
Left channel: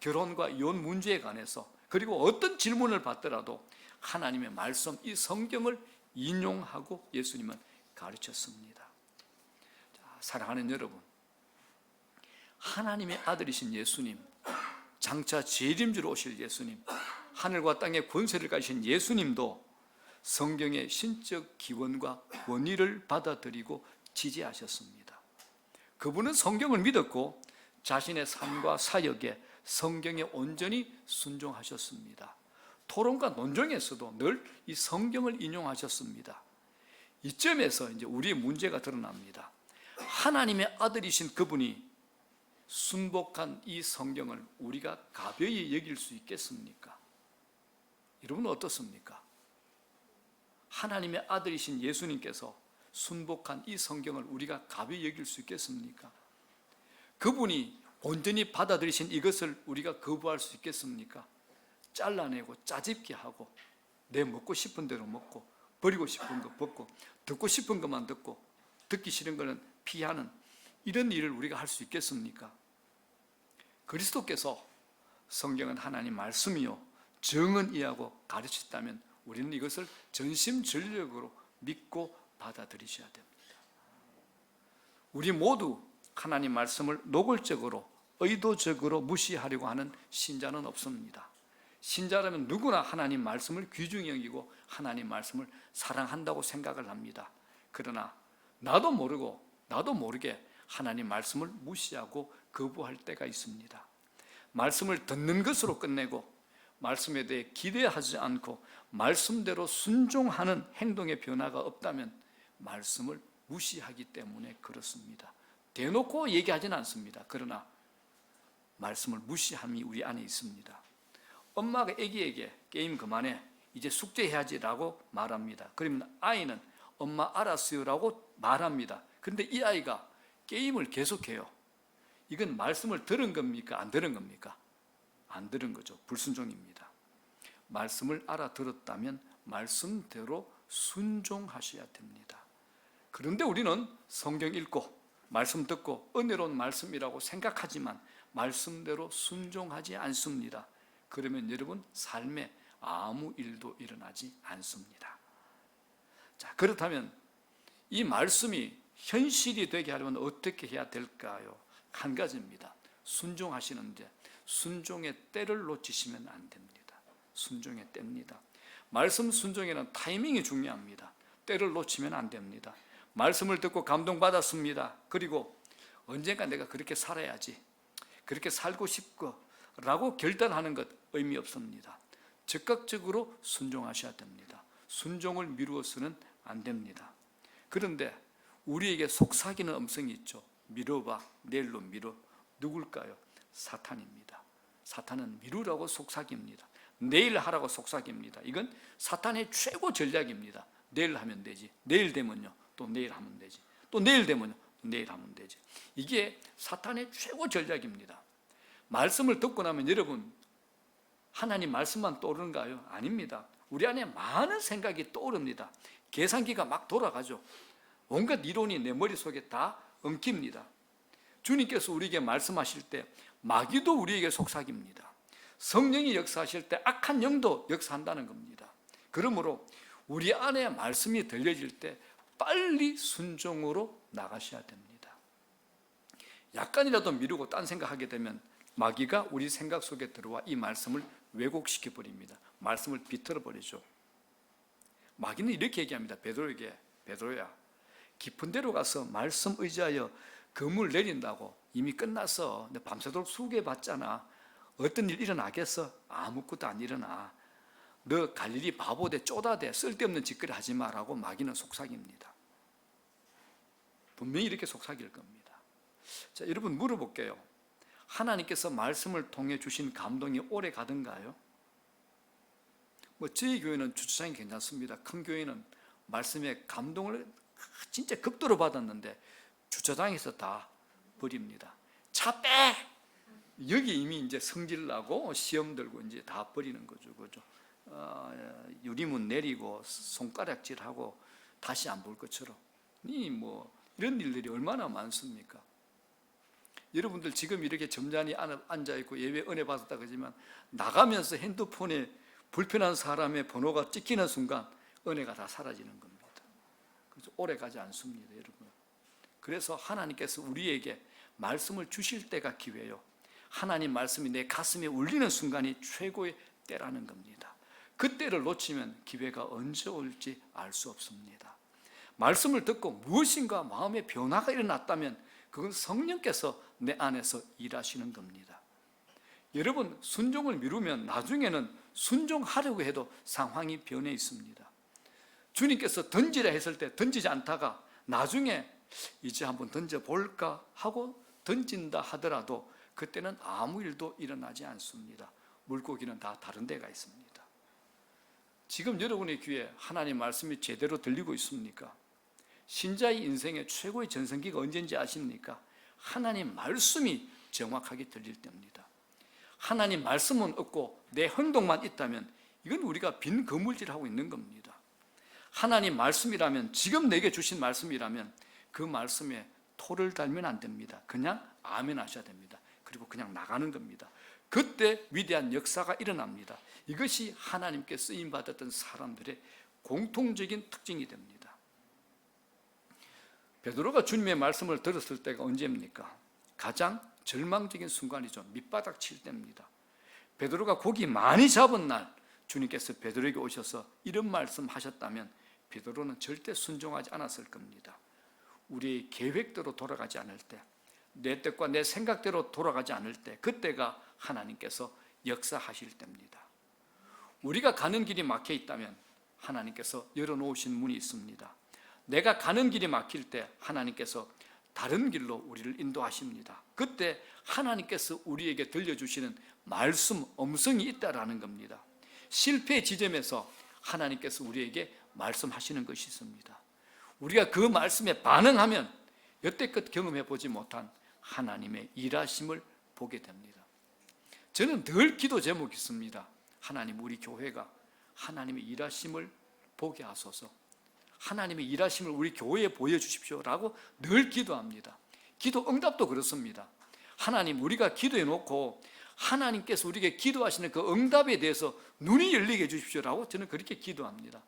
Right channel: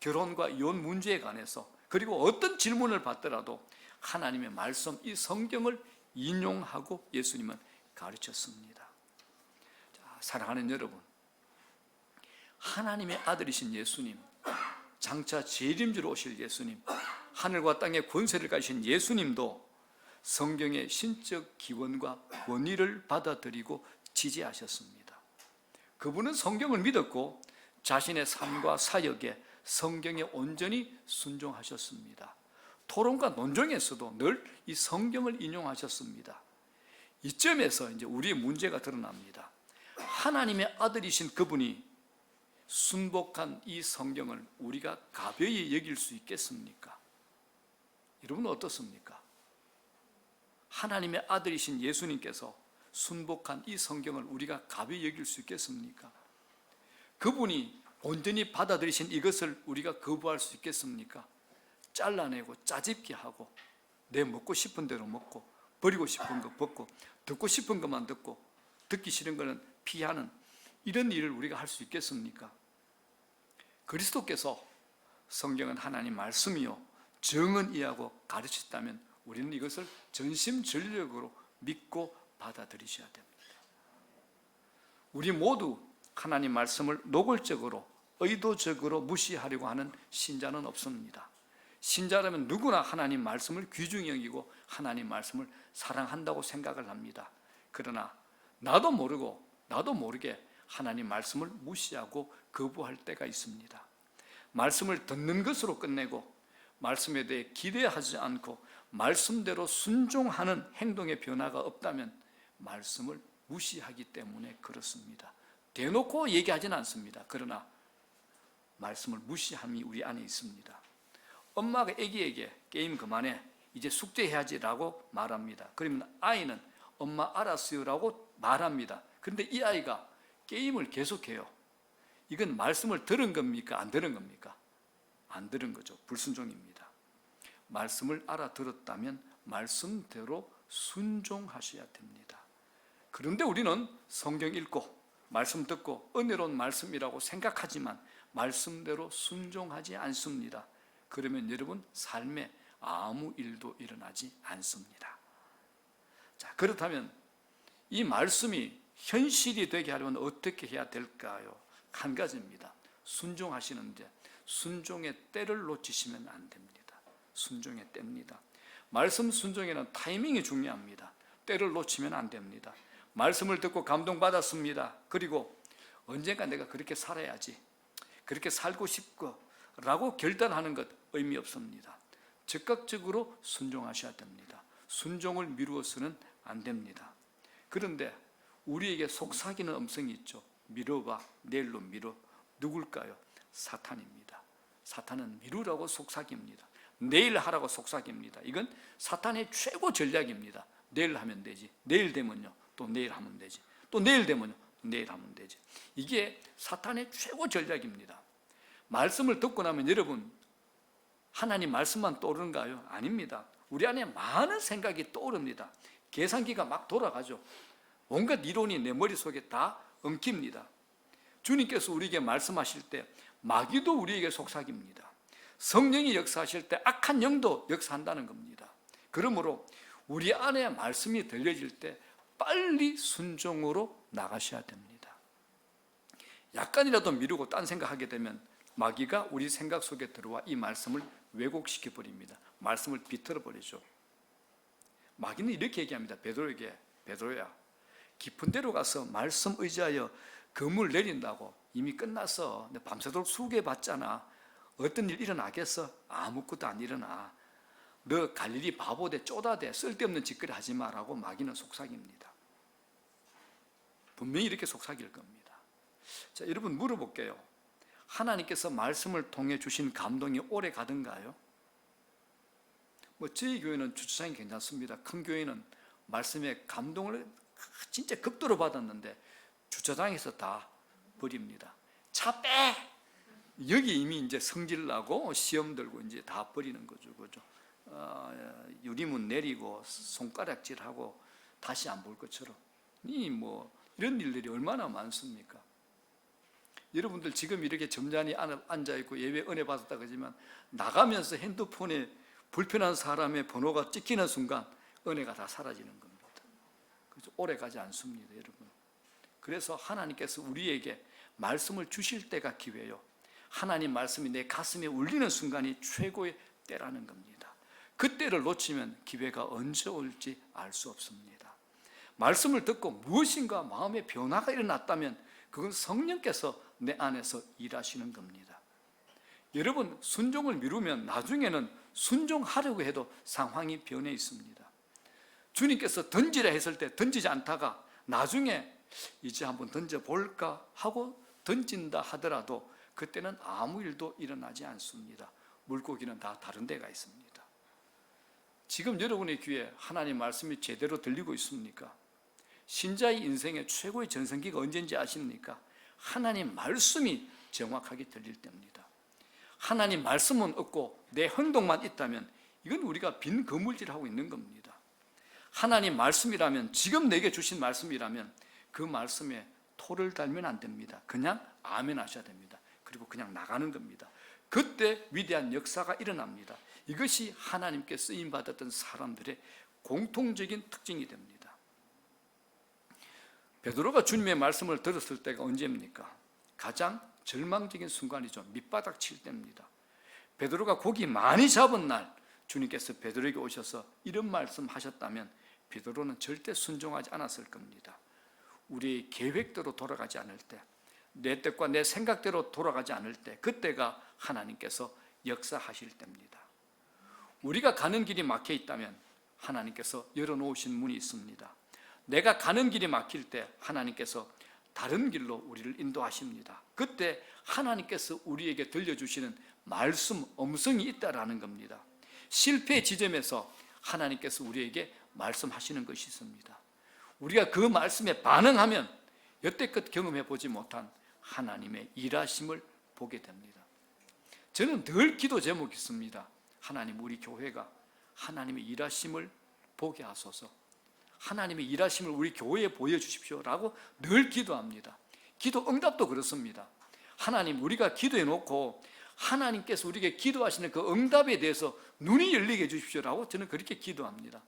결혼과 이혼 문제에 관해서, 그리고 어떤 질문을 받더라도 하나님의 말씀, 이 성경을 인용하고 예수님은 가르쳤습니다. 자, 사랑하는 여러분, 하나님의 아들이신 예수님, 장차 재림주로 오실 예수님, 하늘과 땅의 권세를 가지신 예수님도 성경의 신적 기원과 원리를 받아들이고 지지하셨습니다. 그분은 성경을 믿었고 자신의 삶과 사역에 성경에 온전히 순종하셨습니다. 토론과 논쟁에서도 늘 이 성경을 인용하셨습니다. 이점에서 이제 우리의 문제가 드러납니다. 하나님의 아들이신 그분이 순복한 이 성경을 우리가 가벼이 여길 수 있겠습니까? 여러분 어떻습니까? 하나님의 아들이신 예수님께서 순복한 이 성경을 우리가 가벼이 여길 수 있겠습니까? 그분이 온전히 받아들이신 이것을 우리가 거부할 수 있겠습니까? 잘라내고 짜집기 하고 내 먹고 싶은 대로 먹고 버리고 싶은 거 벗고 듣고 싶은 것만 듣고 듣기 싫은 것은 피하는 이런 일을 우리가 할 수 있겠습니까? 그리스도께서 성경은 하나님 말씀이요 정은이하고 가르쳤다면 우리는 이것을 전심전력으로 믿고 받아들이셔야 됩니다. 우리 모두 하나님 말씀을 노골적으로 의도적으로 무시하려고 하는 신자는 없습니다. 신자라면 누구나 하나님 말씀을 귀중히 여기고 하나님 말씀을 사랑한다고 생각을 합니다. 그러나 나도 모르게 하나님 말씀을 무시하고 거부할 때가 있습니다. 말씀을 듣는 것으로 끝내고 말씀에 대해 기대하지 않고 말씀대로 순종하는 행동의 변화가 없다면 말씀을 무시하기 때문에 그렇습니다. 대놓고 얘기하지는 않습니다. 그러나 말씀을 무시함이 우리 안에 있습니다. 엄마가 아기에게 게임 그만해, 이제 숙제해야지라고 말합니다. 그러면 아이는 엄마 알았어요라고 말합니다. 그런데 이 아이가 게임을 계속해요. 이건 말씀을 들은 겁니까? 안 들은 겁니까? 안 들은 거죠. 불순종입니다. 말씀을 알아들었다면 말씀대로 순종하셔야 됩니다. 그런데 우리는 성경 읽고 말씀 듣고 은혜로운 말씀이라고 생각하지만 말씀대로 순종하지 않습니다. 그러면 여러분 삶에 아무 일도 일어나지 않습니다. 자, 그렇다면 이 말씀이 현실이 되게 하려면 어떻게 해야 될까요? 한 가지입니다. 순종하시는데 순종의 때를 놓치시면 안 됩니다. 순종의 때입니다. 말씀 순종에는 타이밍이 중요합니다. 때를 놓치면 안 됩니다. 말씀을 듣고 감동받았습니다. 그리고 언젠가 내가 그렇게 살아야지, 그렇게 살고 싶고 라고 결단하는 것 의미 없습니다. 적극적으로 순종하셔야 됩니다. 순종을 미루어서는 안 됩니다. 그런데 우리에게 속삭이는 음성이 있죠. 미뤄봐, 내일로 미뤄. 누굴까요? 사탄입니다. 사탄은 미루라고 속삭입니다. 내일 하라고 속삭입니다. 이건 사탄의 최고 전략입니다. 내일 하면 되지. 내일 되면요, 또 내일 하면 되지. 또 내일 되면요, 또 내일 하면 되지. 이게 사탄의 최고 전략입니다. 말씀을 듣고 나면 여러분 하나님 말씀만 떠오르는가요? 아닙니다. 우리 안에 많은 생각이 떠오릅니다. 계산기가 막 돌아가죠. 온갖 이론이 내 머릿속에 다 엉킵니다. 주님께서 우리에게 말씀하실 때 마귀도 우리에게 속삭입니다. 성령이 역사하실 때 악한 영도 역사한다는 겁니다. 그러므로 우리 안에 말씀이 들려질 때 빨리 순종으로 나가셔야 됩니다. 약간이라도 미루고 딴 생각하게 되면 마귀가 우리 생각 속에 들어와 이 말씀을 왜곡시켜 버립니다. 말씀을 비틀어 버리죠. 마귀는 이렇게 얘기합니다. 베드로에게, 베드로야, 깊은 데로 가서 말씀 의지하여 금을 내린다고. 이미 끝났어. 내 밤새도록 수고해봤잖아. 어떤 일 일어나겠어? 아무것도 안 일어나. 너 갈릴리 바보돼, 쪼다돼, 쓸데없는 짓거리 하지 마라고 마귀는 속삭입니다. 분명히 이렇게 속삭일 겁니다. 자, 여러분 물어볼게요. 하나님께서 말씀을 통해 주신 감동이 오래 가던가요? 저희 교회는 주차장이 괜찮습니다. 큰 교회는 말씀에 감동을 진짜 극도로 받았는데 주차장에서 다 버립니다. 차 빼! 여기 이미 이제 성질 나고 시험 들고 이제 다 버리는 거죠. 그죠? 유리문 내리고 손가락질하고 다시 안 볼 것처럼. 이런 일들이 얼마나 많습니까? 여러분들 지금 이렇게 점잖이 앉아있고 예배 은혜 받았다 그러지만 나가면서 핸드폰에 불편한 사람의 번호가 찍히는 순간 은혜가 다 사라지는 겁니다. 그래서 오래 가지 않습니다, 여러분. 그래서 하나님께서 우리에게 말씀을 주실 때가 기회요. 하나님 말씀이 내 가슴에 울리는 순간이 최고의 때라는 겁니다. 그 때를 놓치면 기회가 언제 올지 알 수 없습니다. 말씀을 듣고 무엇인가 마음의 변화가 일어났다면 그건 성령께서 내 안에서 일하시는 겁니다. 여러분, 순종을 미루면 나중에는 순종하려고 해도 상황이 변해 있습니다. 주님께서 던지라 했을 때 던지지 않다가 나중에 이제 한번 던져볼까 하고 던진다 하더라도 그때는 아무 일도 일어나지 않습니다. 물고기는 다 다른 데가 있습니다. 지금 여러분의 귀에 하나님 말씀이 제대로 들리고 있습니까? 신자의 인생의 최고의 전성기가 언제인지 아십니까? 하나님 말씀이 정확하게 들릴 때입니다. 하나님 말씀은 없고 내 행동만 있다면 이건 우리가 빈 거물질하고 있는 겁니다. 하나님 말씀이라면, 지금 내게 주신 말씀이라면 그 말씀에 토를 달면 안 됩니다. 그냥 아멘 하셔야 됩니다. 그리고 그냥 나가는 겁니다. 그때 위대한 역사가 일어납니다. 이것이 하나님께 쓰임받았던 사람들의 공통적인 특징이 됩니다. 베드로가 주님의 말씀을 들었을 때가 언제입니까? 가장 절망적인 순간이죠. 밑바닥 칠 때입니다. 베드로가 고기 많이 잡은 날 주님께서 베드로에게 오셔서 이런 말씀 하셨다면 베드로는 절대 순종하지 않았을 겁니다. 우리의 계획대로 돌아가지 않을 때, 내 뜻과 내 생각대로 돌아가지 않을 때, 그때가 하나님께서 역사하실 때입니다. 우리가 가는 길이 막혀 있다면 하나님께서 열어놓으신 문이 있습니다. 내가 가는 길이 막힐 때 하나님께서 다른 길로 우리를 인도하십니다. 그때 하나님께서 우리에게 들려주시는 말씀, 음성이 있다라는 겁니다. 실패의 지점에서 하나님께서 우리에게 말씀하시는 것이 있습니다. 우리가 그 말씀에 반응하면 여태껏 경험해 보지 못한 하나님의 일하심을 보게 됩니다. 저는 늘 기도 제목이 있습니다. 하나님, 우리 교회가 하나님의 일하심을 보게 하소서. 하나님의 일하심을 우리 교회에 보여주십시오라고 늘 기도합니다. 기도 응답도 그렇습니다. 하나님, 우리가 기도해 놓고 하나님께서 우리에게 기도하시는 그 응답에 대해서 눈이 열리게 해주십시오라고 저는 그렇게 기도합니다.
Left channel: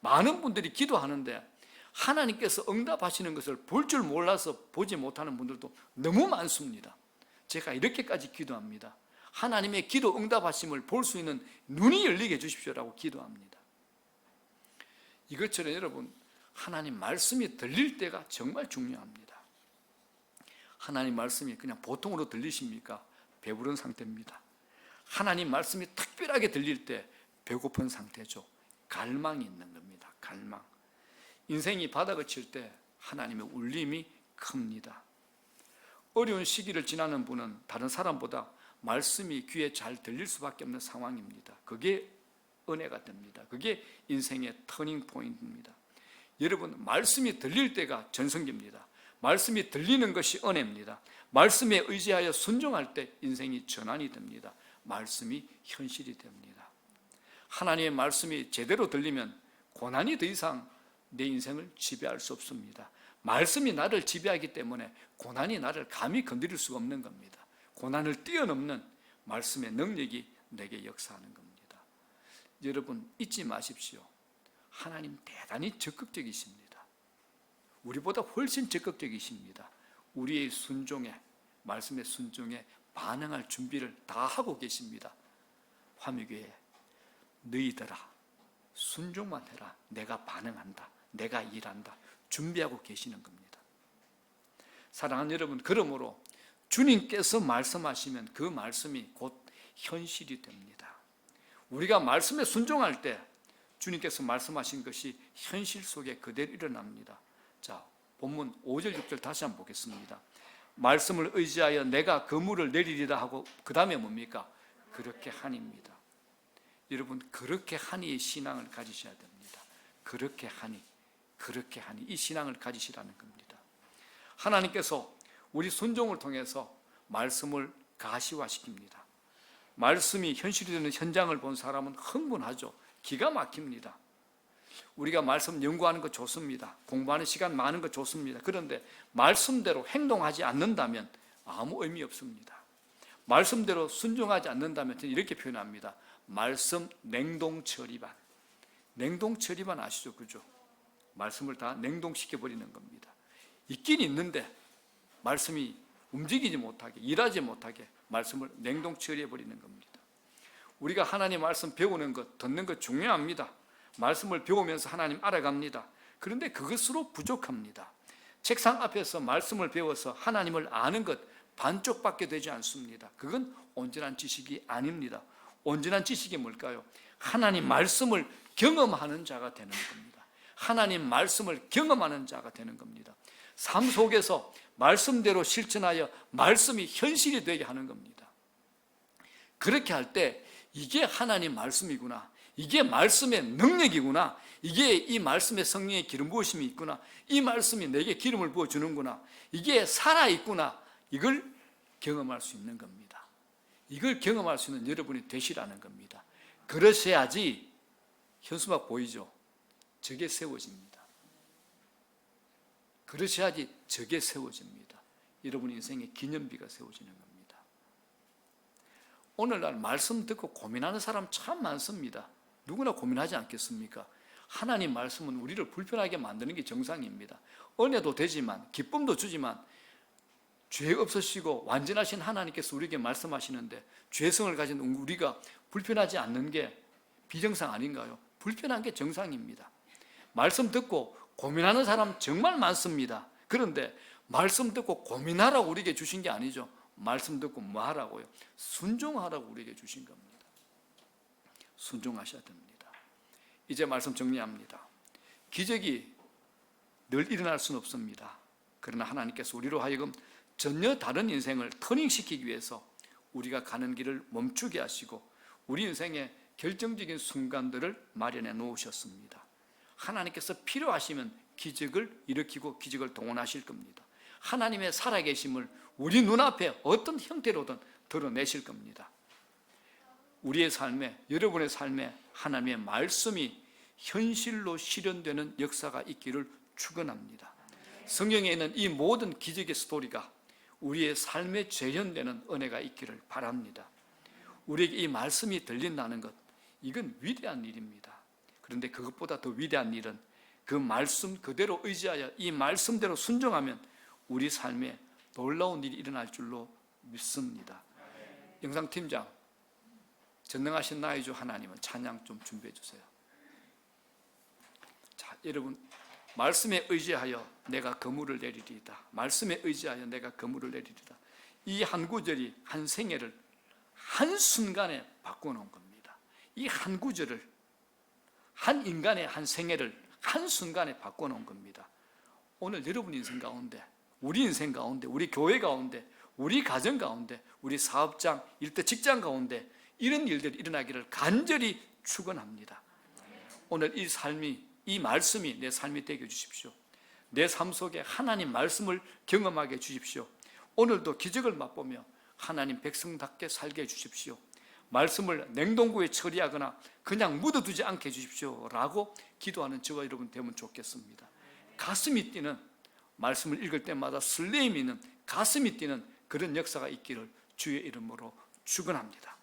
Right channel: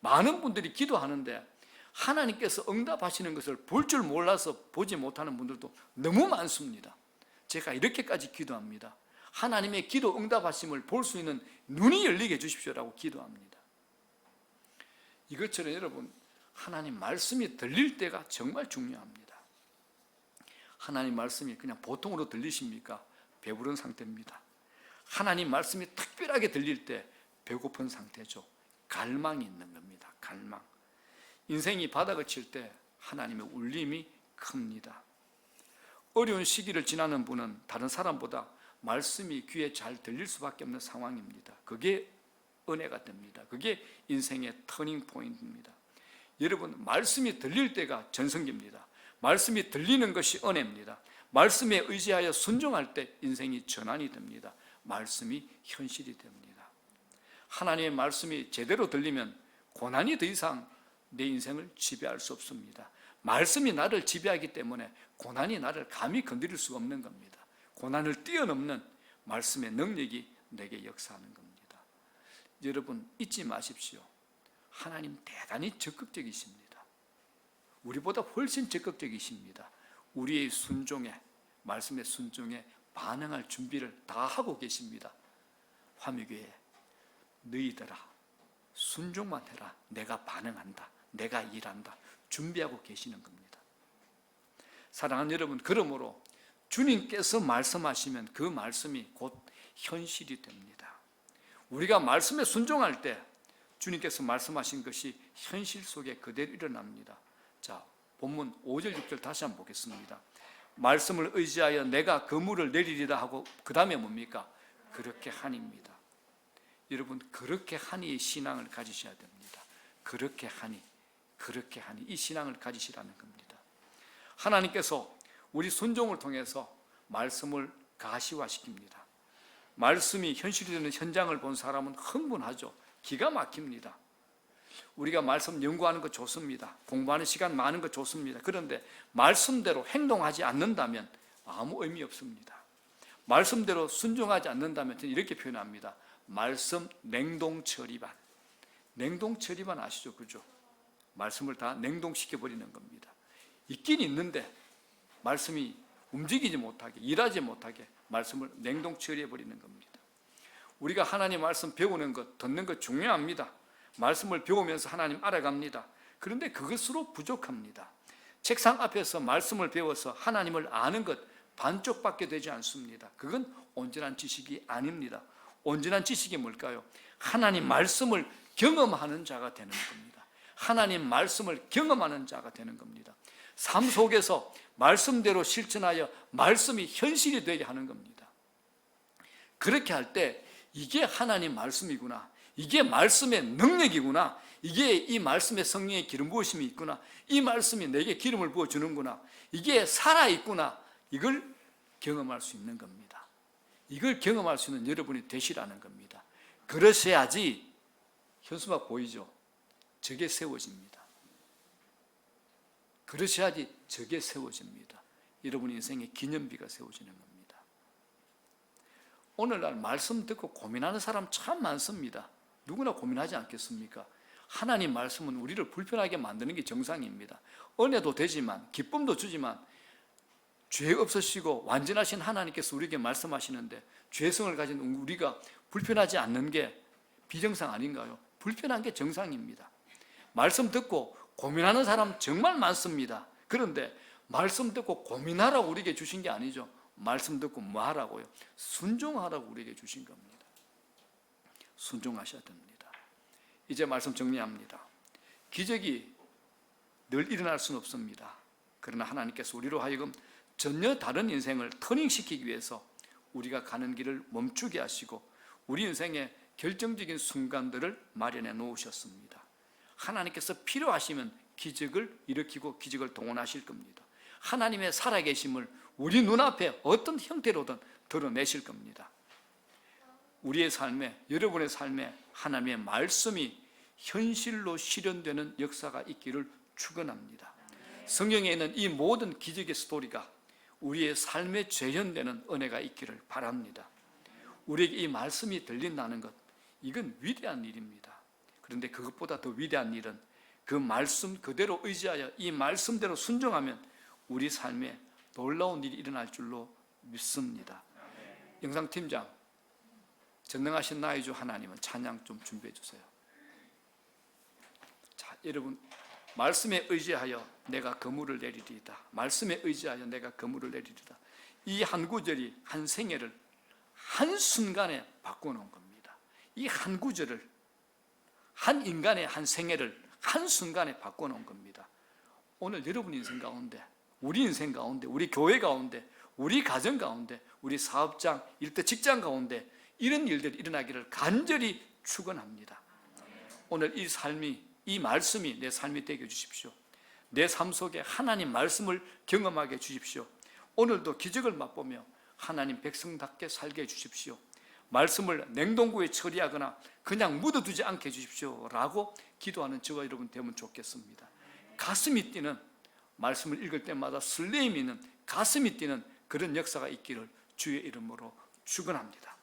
많은 분들이 기도하는데 하나님께서 응답하시는 것을 볼 줄 몰라서 보지 못하는 분들도 너무 많습니다. 제가 이렇게까지 기도합니다. 하나님의 기도 응답하심을 볼 수 있는 눈이 열리게 해주십시오라고 기도합니다. 이것처럼 여러분, 하나님 말씀이 들릴 때가 정말 중요합니다. 하나님 말씀이 그냥 보통으로 들리십니까? 배부른 상태입니다. 하나님 말씀이 특별하게 들릴 때 배고픈 상태죠. 갈망이 있는 겁니다. 갈망. 인생이 바닥을 칠 때 하나님의 울림이 큽니다. 어려운 시기를 지나는 분은 다른 사람보다 말씀이 귀에 잘 들릴 수밖에 없는 상황입니다. 그게 은혜가 됩니다. 그게 인생의 터닝 포인트입니다. 여러분, 말씀이 들릴 때가 전성기입니다. 말씀이 들리는 것이 은혜입니다. 말씀에 의지하여 순종할 때 인생이 전환이 됩니다. 말씀이 현실이 됩니다. 하나님의 말씀이 제대로 들리면 고난이 더 이상 내 인생을 지배할 수 없습니다. 말씀이 나를 지배하기 때문에 고난이 나를 감히 건드릴 수 없는 겁니다. 고난을 뛰어넘는 말씀의 능력이 내게 역사하는 겁니다. 여러분, 잊지 마십시오. 하나님 대단히 적극적이십니다. 우리보다 훨씬 적극적이십니다. 우리의 순종에, 말씀의 순종에 반응할 준비를 다 하고 계십니다. 화미교회, 너희들아 순종만 해라. 내가 반응한다. 내가 일한다. 준비하고 계시는 겁니다. 사랑하는 여러분, 그러므로 주님께서 말씀하시면 그 말씀이 곧 현실이 됩니다. 우리가 말씀에 순종할 때 주님께서 말씀하신 것이 현실 속에 그대로 일어납니다. 자, 본문 5절 6절 다시 한번 보겠습니다. 말씀을 의지하여 내가 그물을 내리리라 하고 그 다음에 뭡니까? 그렇게 하니입니다. 여러분, 그렇게 하니의 신앙을 가지셔야 됩니다. 그렇게 하니 이 신앙을 가지시라는 겁니다. 하나님께서 우리 순종을 통해서 말씀을 가시화시킵니다. 말씀이 현실이 되는 현장을 본 사람은 흥분하죠. 기가 막힙니다. 우리가 말씀 연구하는 거 좋습니다. 공부하는 시간 많은 거 좋습니다. 그런데 말씀대로 행동하지 않는다면 아무 의미 없습니다. 말씀대로 순종하지 않는다면 저는 이렇게 표현합니다. 말씀 냉동처리반. 냉동처리반 아시죠? 그죠? 말씀을 다 냉동시켜버리는 겁니다. 있긴 있는데 말씀이 움직이지 못하게, 일하지 못하게 말씀을 냉동처리해버리는 겁니다. 우리가 하나님 말씀 배우는 것, 듣는 것 중요합니다. 말씀을 배우면서 하나님 알아갑니다. 그런데 그것으로 부족합니다. 책상 앞에서 말씀을 배워서 하나님을 아는 것 반쪽밖에 되지 않습니다. 그건 온전한 지식이 아닙니다. 온전한 지식이 뭘까요? 하나님 말씀을 경험하는 자가 되는 겁니다. 하나님 말씀을 경험하는 자가 되는 겁니다. 삶 속에서 말씀대로 실천하여 말씀이 현실이 되게 하는 겁니다. 그렇게 할 때 이게 하나님 말씀이구나, 이게 말씀의 능력이구나, 이게 이 말씀의 성령의 기름 부으심이 있구나, 이 말씀이 내게 기름을 부어주는구나, 이게 살아있구나, 이걸 경험할 수 있는 겁니다. 이걸 경험할 수 있는 여러분이 되시라는 겁니다. 그러셔야지 현수막 보이죠? 저게 세워집니다. 그러셔야지 저게 세워집니다. 여러분 인생의 기념비가 세워지는 겁니다. 오늘날 말씀 듣고 고민하는 사람 참 많습니다. 누구나 고민하지 않겠습니까? 하나님 말씀은 우리를 불편하게 만드는 게 정상입니다. 은혜도 되지만, 기쁨도 주지만, 죄 없으시고 완전하신 하나님께서 우리에게 말씀하시는데 죄성을 가진 우리가 불편하지 않는 게 비정상 아닌가요? 불편한 게 정상입니다. 말씀 듣고 고민하는 사람 정말 많습니다. 그런데 말씀 듣고 고민하라고 우리에게 주신 게 아니죠. 말씀 듣고 뭐 하라고요? 순종하라고 우리에게 주신 겁니다. 순종하셔야 됩니다. 이제 말씀 정리합니다. 기적이 늘 일어날 수는 없습니다. 그러나 하나님께서 우리로 하여금 전혀 다른 인생을 터닝시키기 위해서 우리가 가는 길을 멈추게 하시고 우리 인생의 결정적인 순간들을 마련해 놓으셨습니다. 하나님께서 필요하시면 기적을 일으키고 기적을 동원하실 겁니다. 하나님의 살아계심을 우리 눈앞에 어떤 형태로든 드러내실 겁니다. 우리의 삶에, 여러분의 삶에 하나님의 말씀이 현실로 실현되는 역사가 있기를 축원합니다. 성경에 있는 이 모든 기적의 스토리가 우리의 삶에 재현되는 은혜가 있기를 바랍니다. 우리에게 이 말씀이 들린다는 것, 이건 위대한 일입니다. 그런데 그것보다 더 위대한 일은 그 말씀 그대로 의지하여 이 말씀대로 순종하면 우리 삶에 놀라운 일이 일어날 줄로 믿습니다. 영상팀장, 전능하신 나의 주 하나님은 찬양 좀 준비해 주세요. 자, 여러분, 말씀에 의지하여 내가 그물을 내리리이다. 말씀에 의지하여 내가 그물을 내리리이다. 이 한 구절이 한 생애를 한순간에 바꿔놓은 겁니다. 이 한 구절을, 한 인간의 한 생애를 한순간에 바꿔놓은 겁니다. 오늘 여러분 인생 가운데, 우리 인생 가운데, 우리 교회 가운데, 우리 가정 가운데, 우리 사업장, 일터 직장 가운데 이런 일들이 일어나기를 간절히 축원합니다. 오늘 이 삶이, 이 말씀이 내 삶이 되게 해주십시오. 내 삶 속에 하나님 말씀을 경험하게 해주십시오. 오늘도 기적을 맛보며 하나님 백성답게 살게 해주십시오. 말씀을 냉동고에 처리하거나 그냥 묻어두지 않게 해주십시오 라고 기도하는 저와 여러분 되면 좋겠습니다. 가슴이 뛰는, 말씀을 읽을 때마다 설레임이 있는, 가슴이 뛰는 그런 역사가 있기를 주의 이름으로 축원합니다.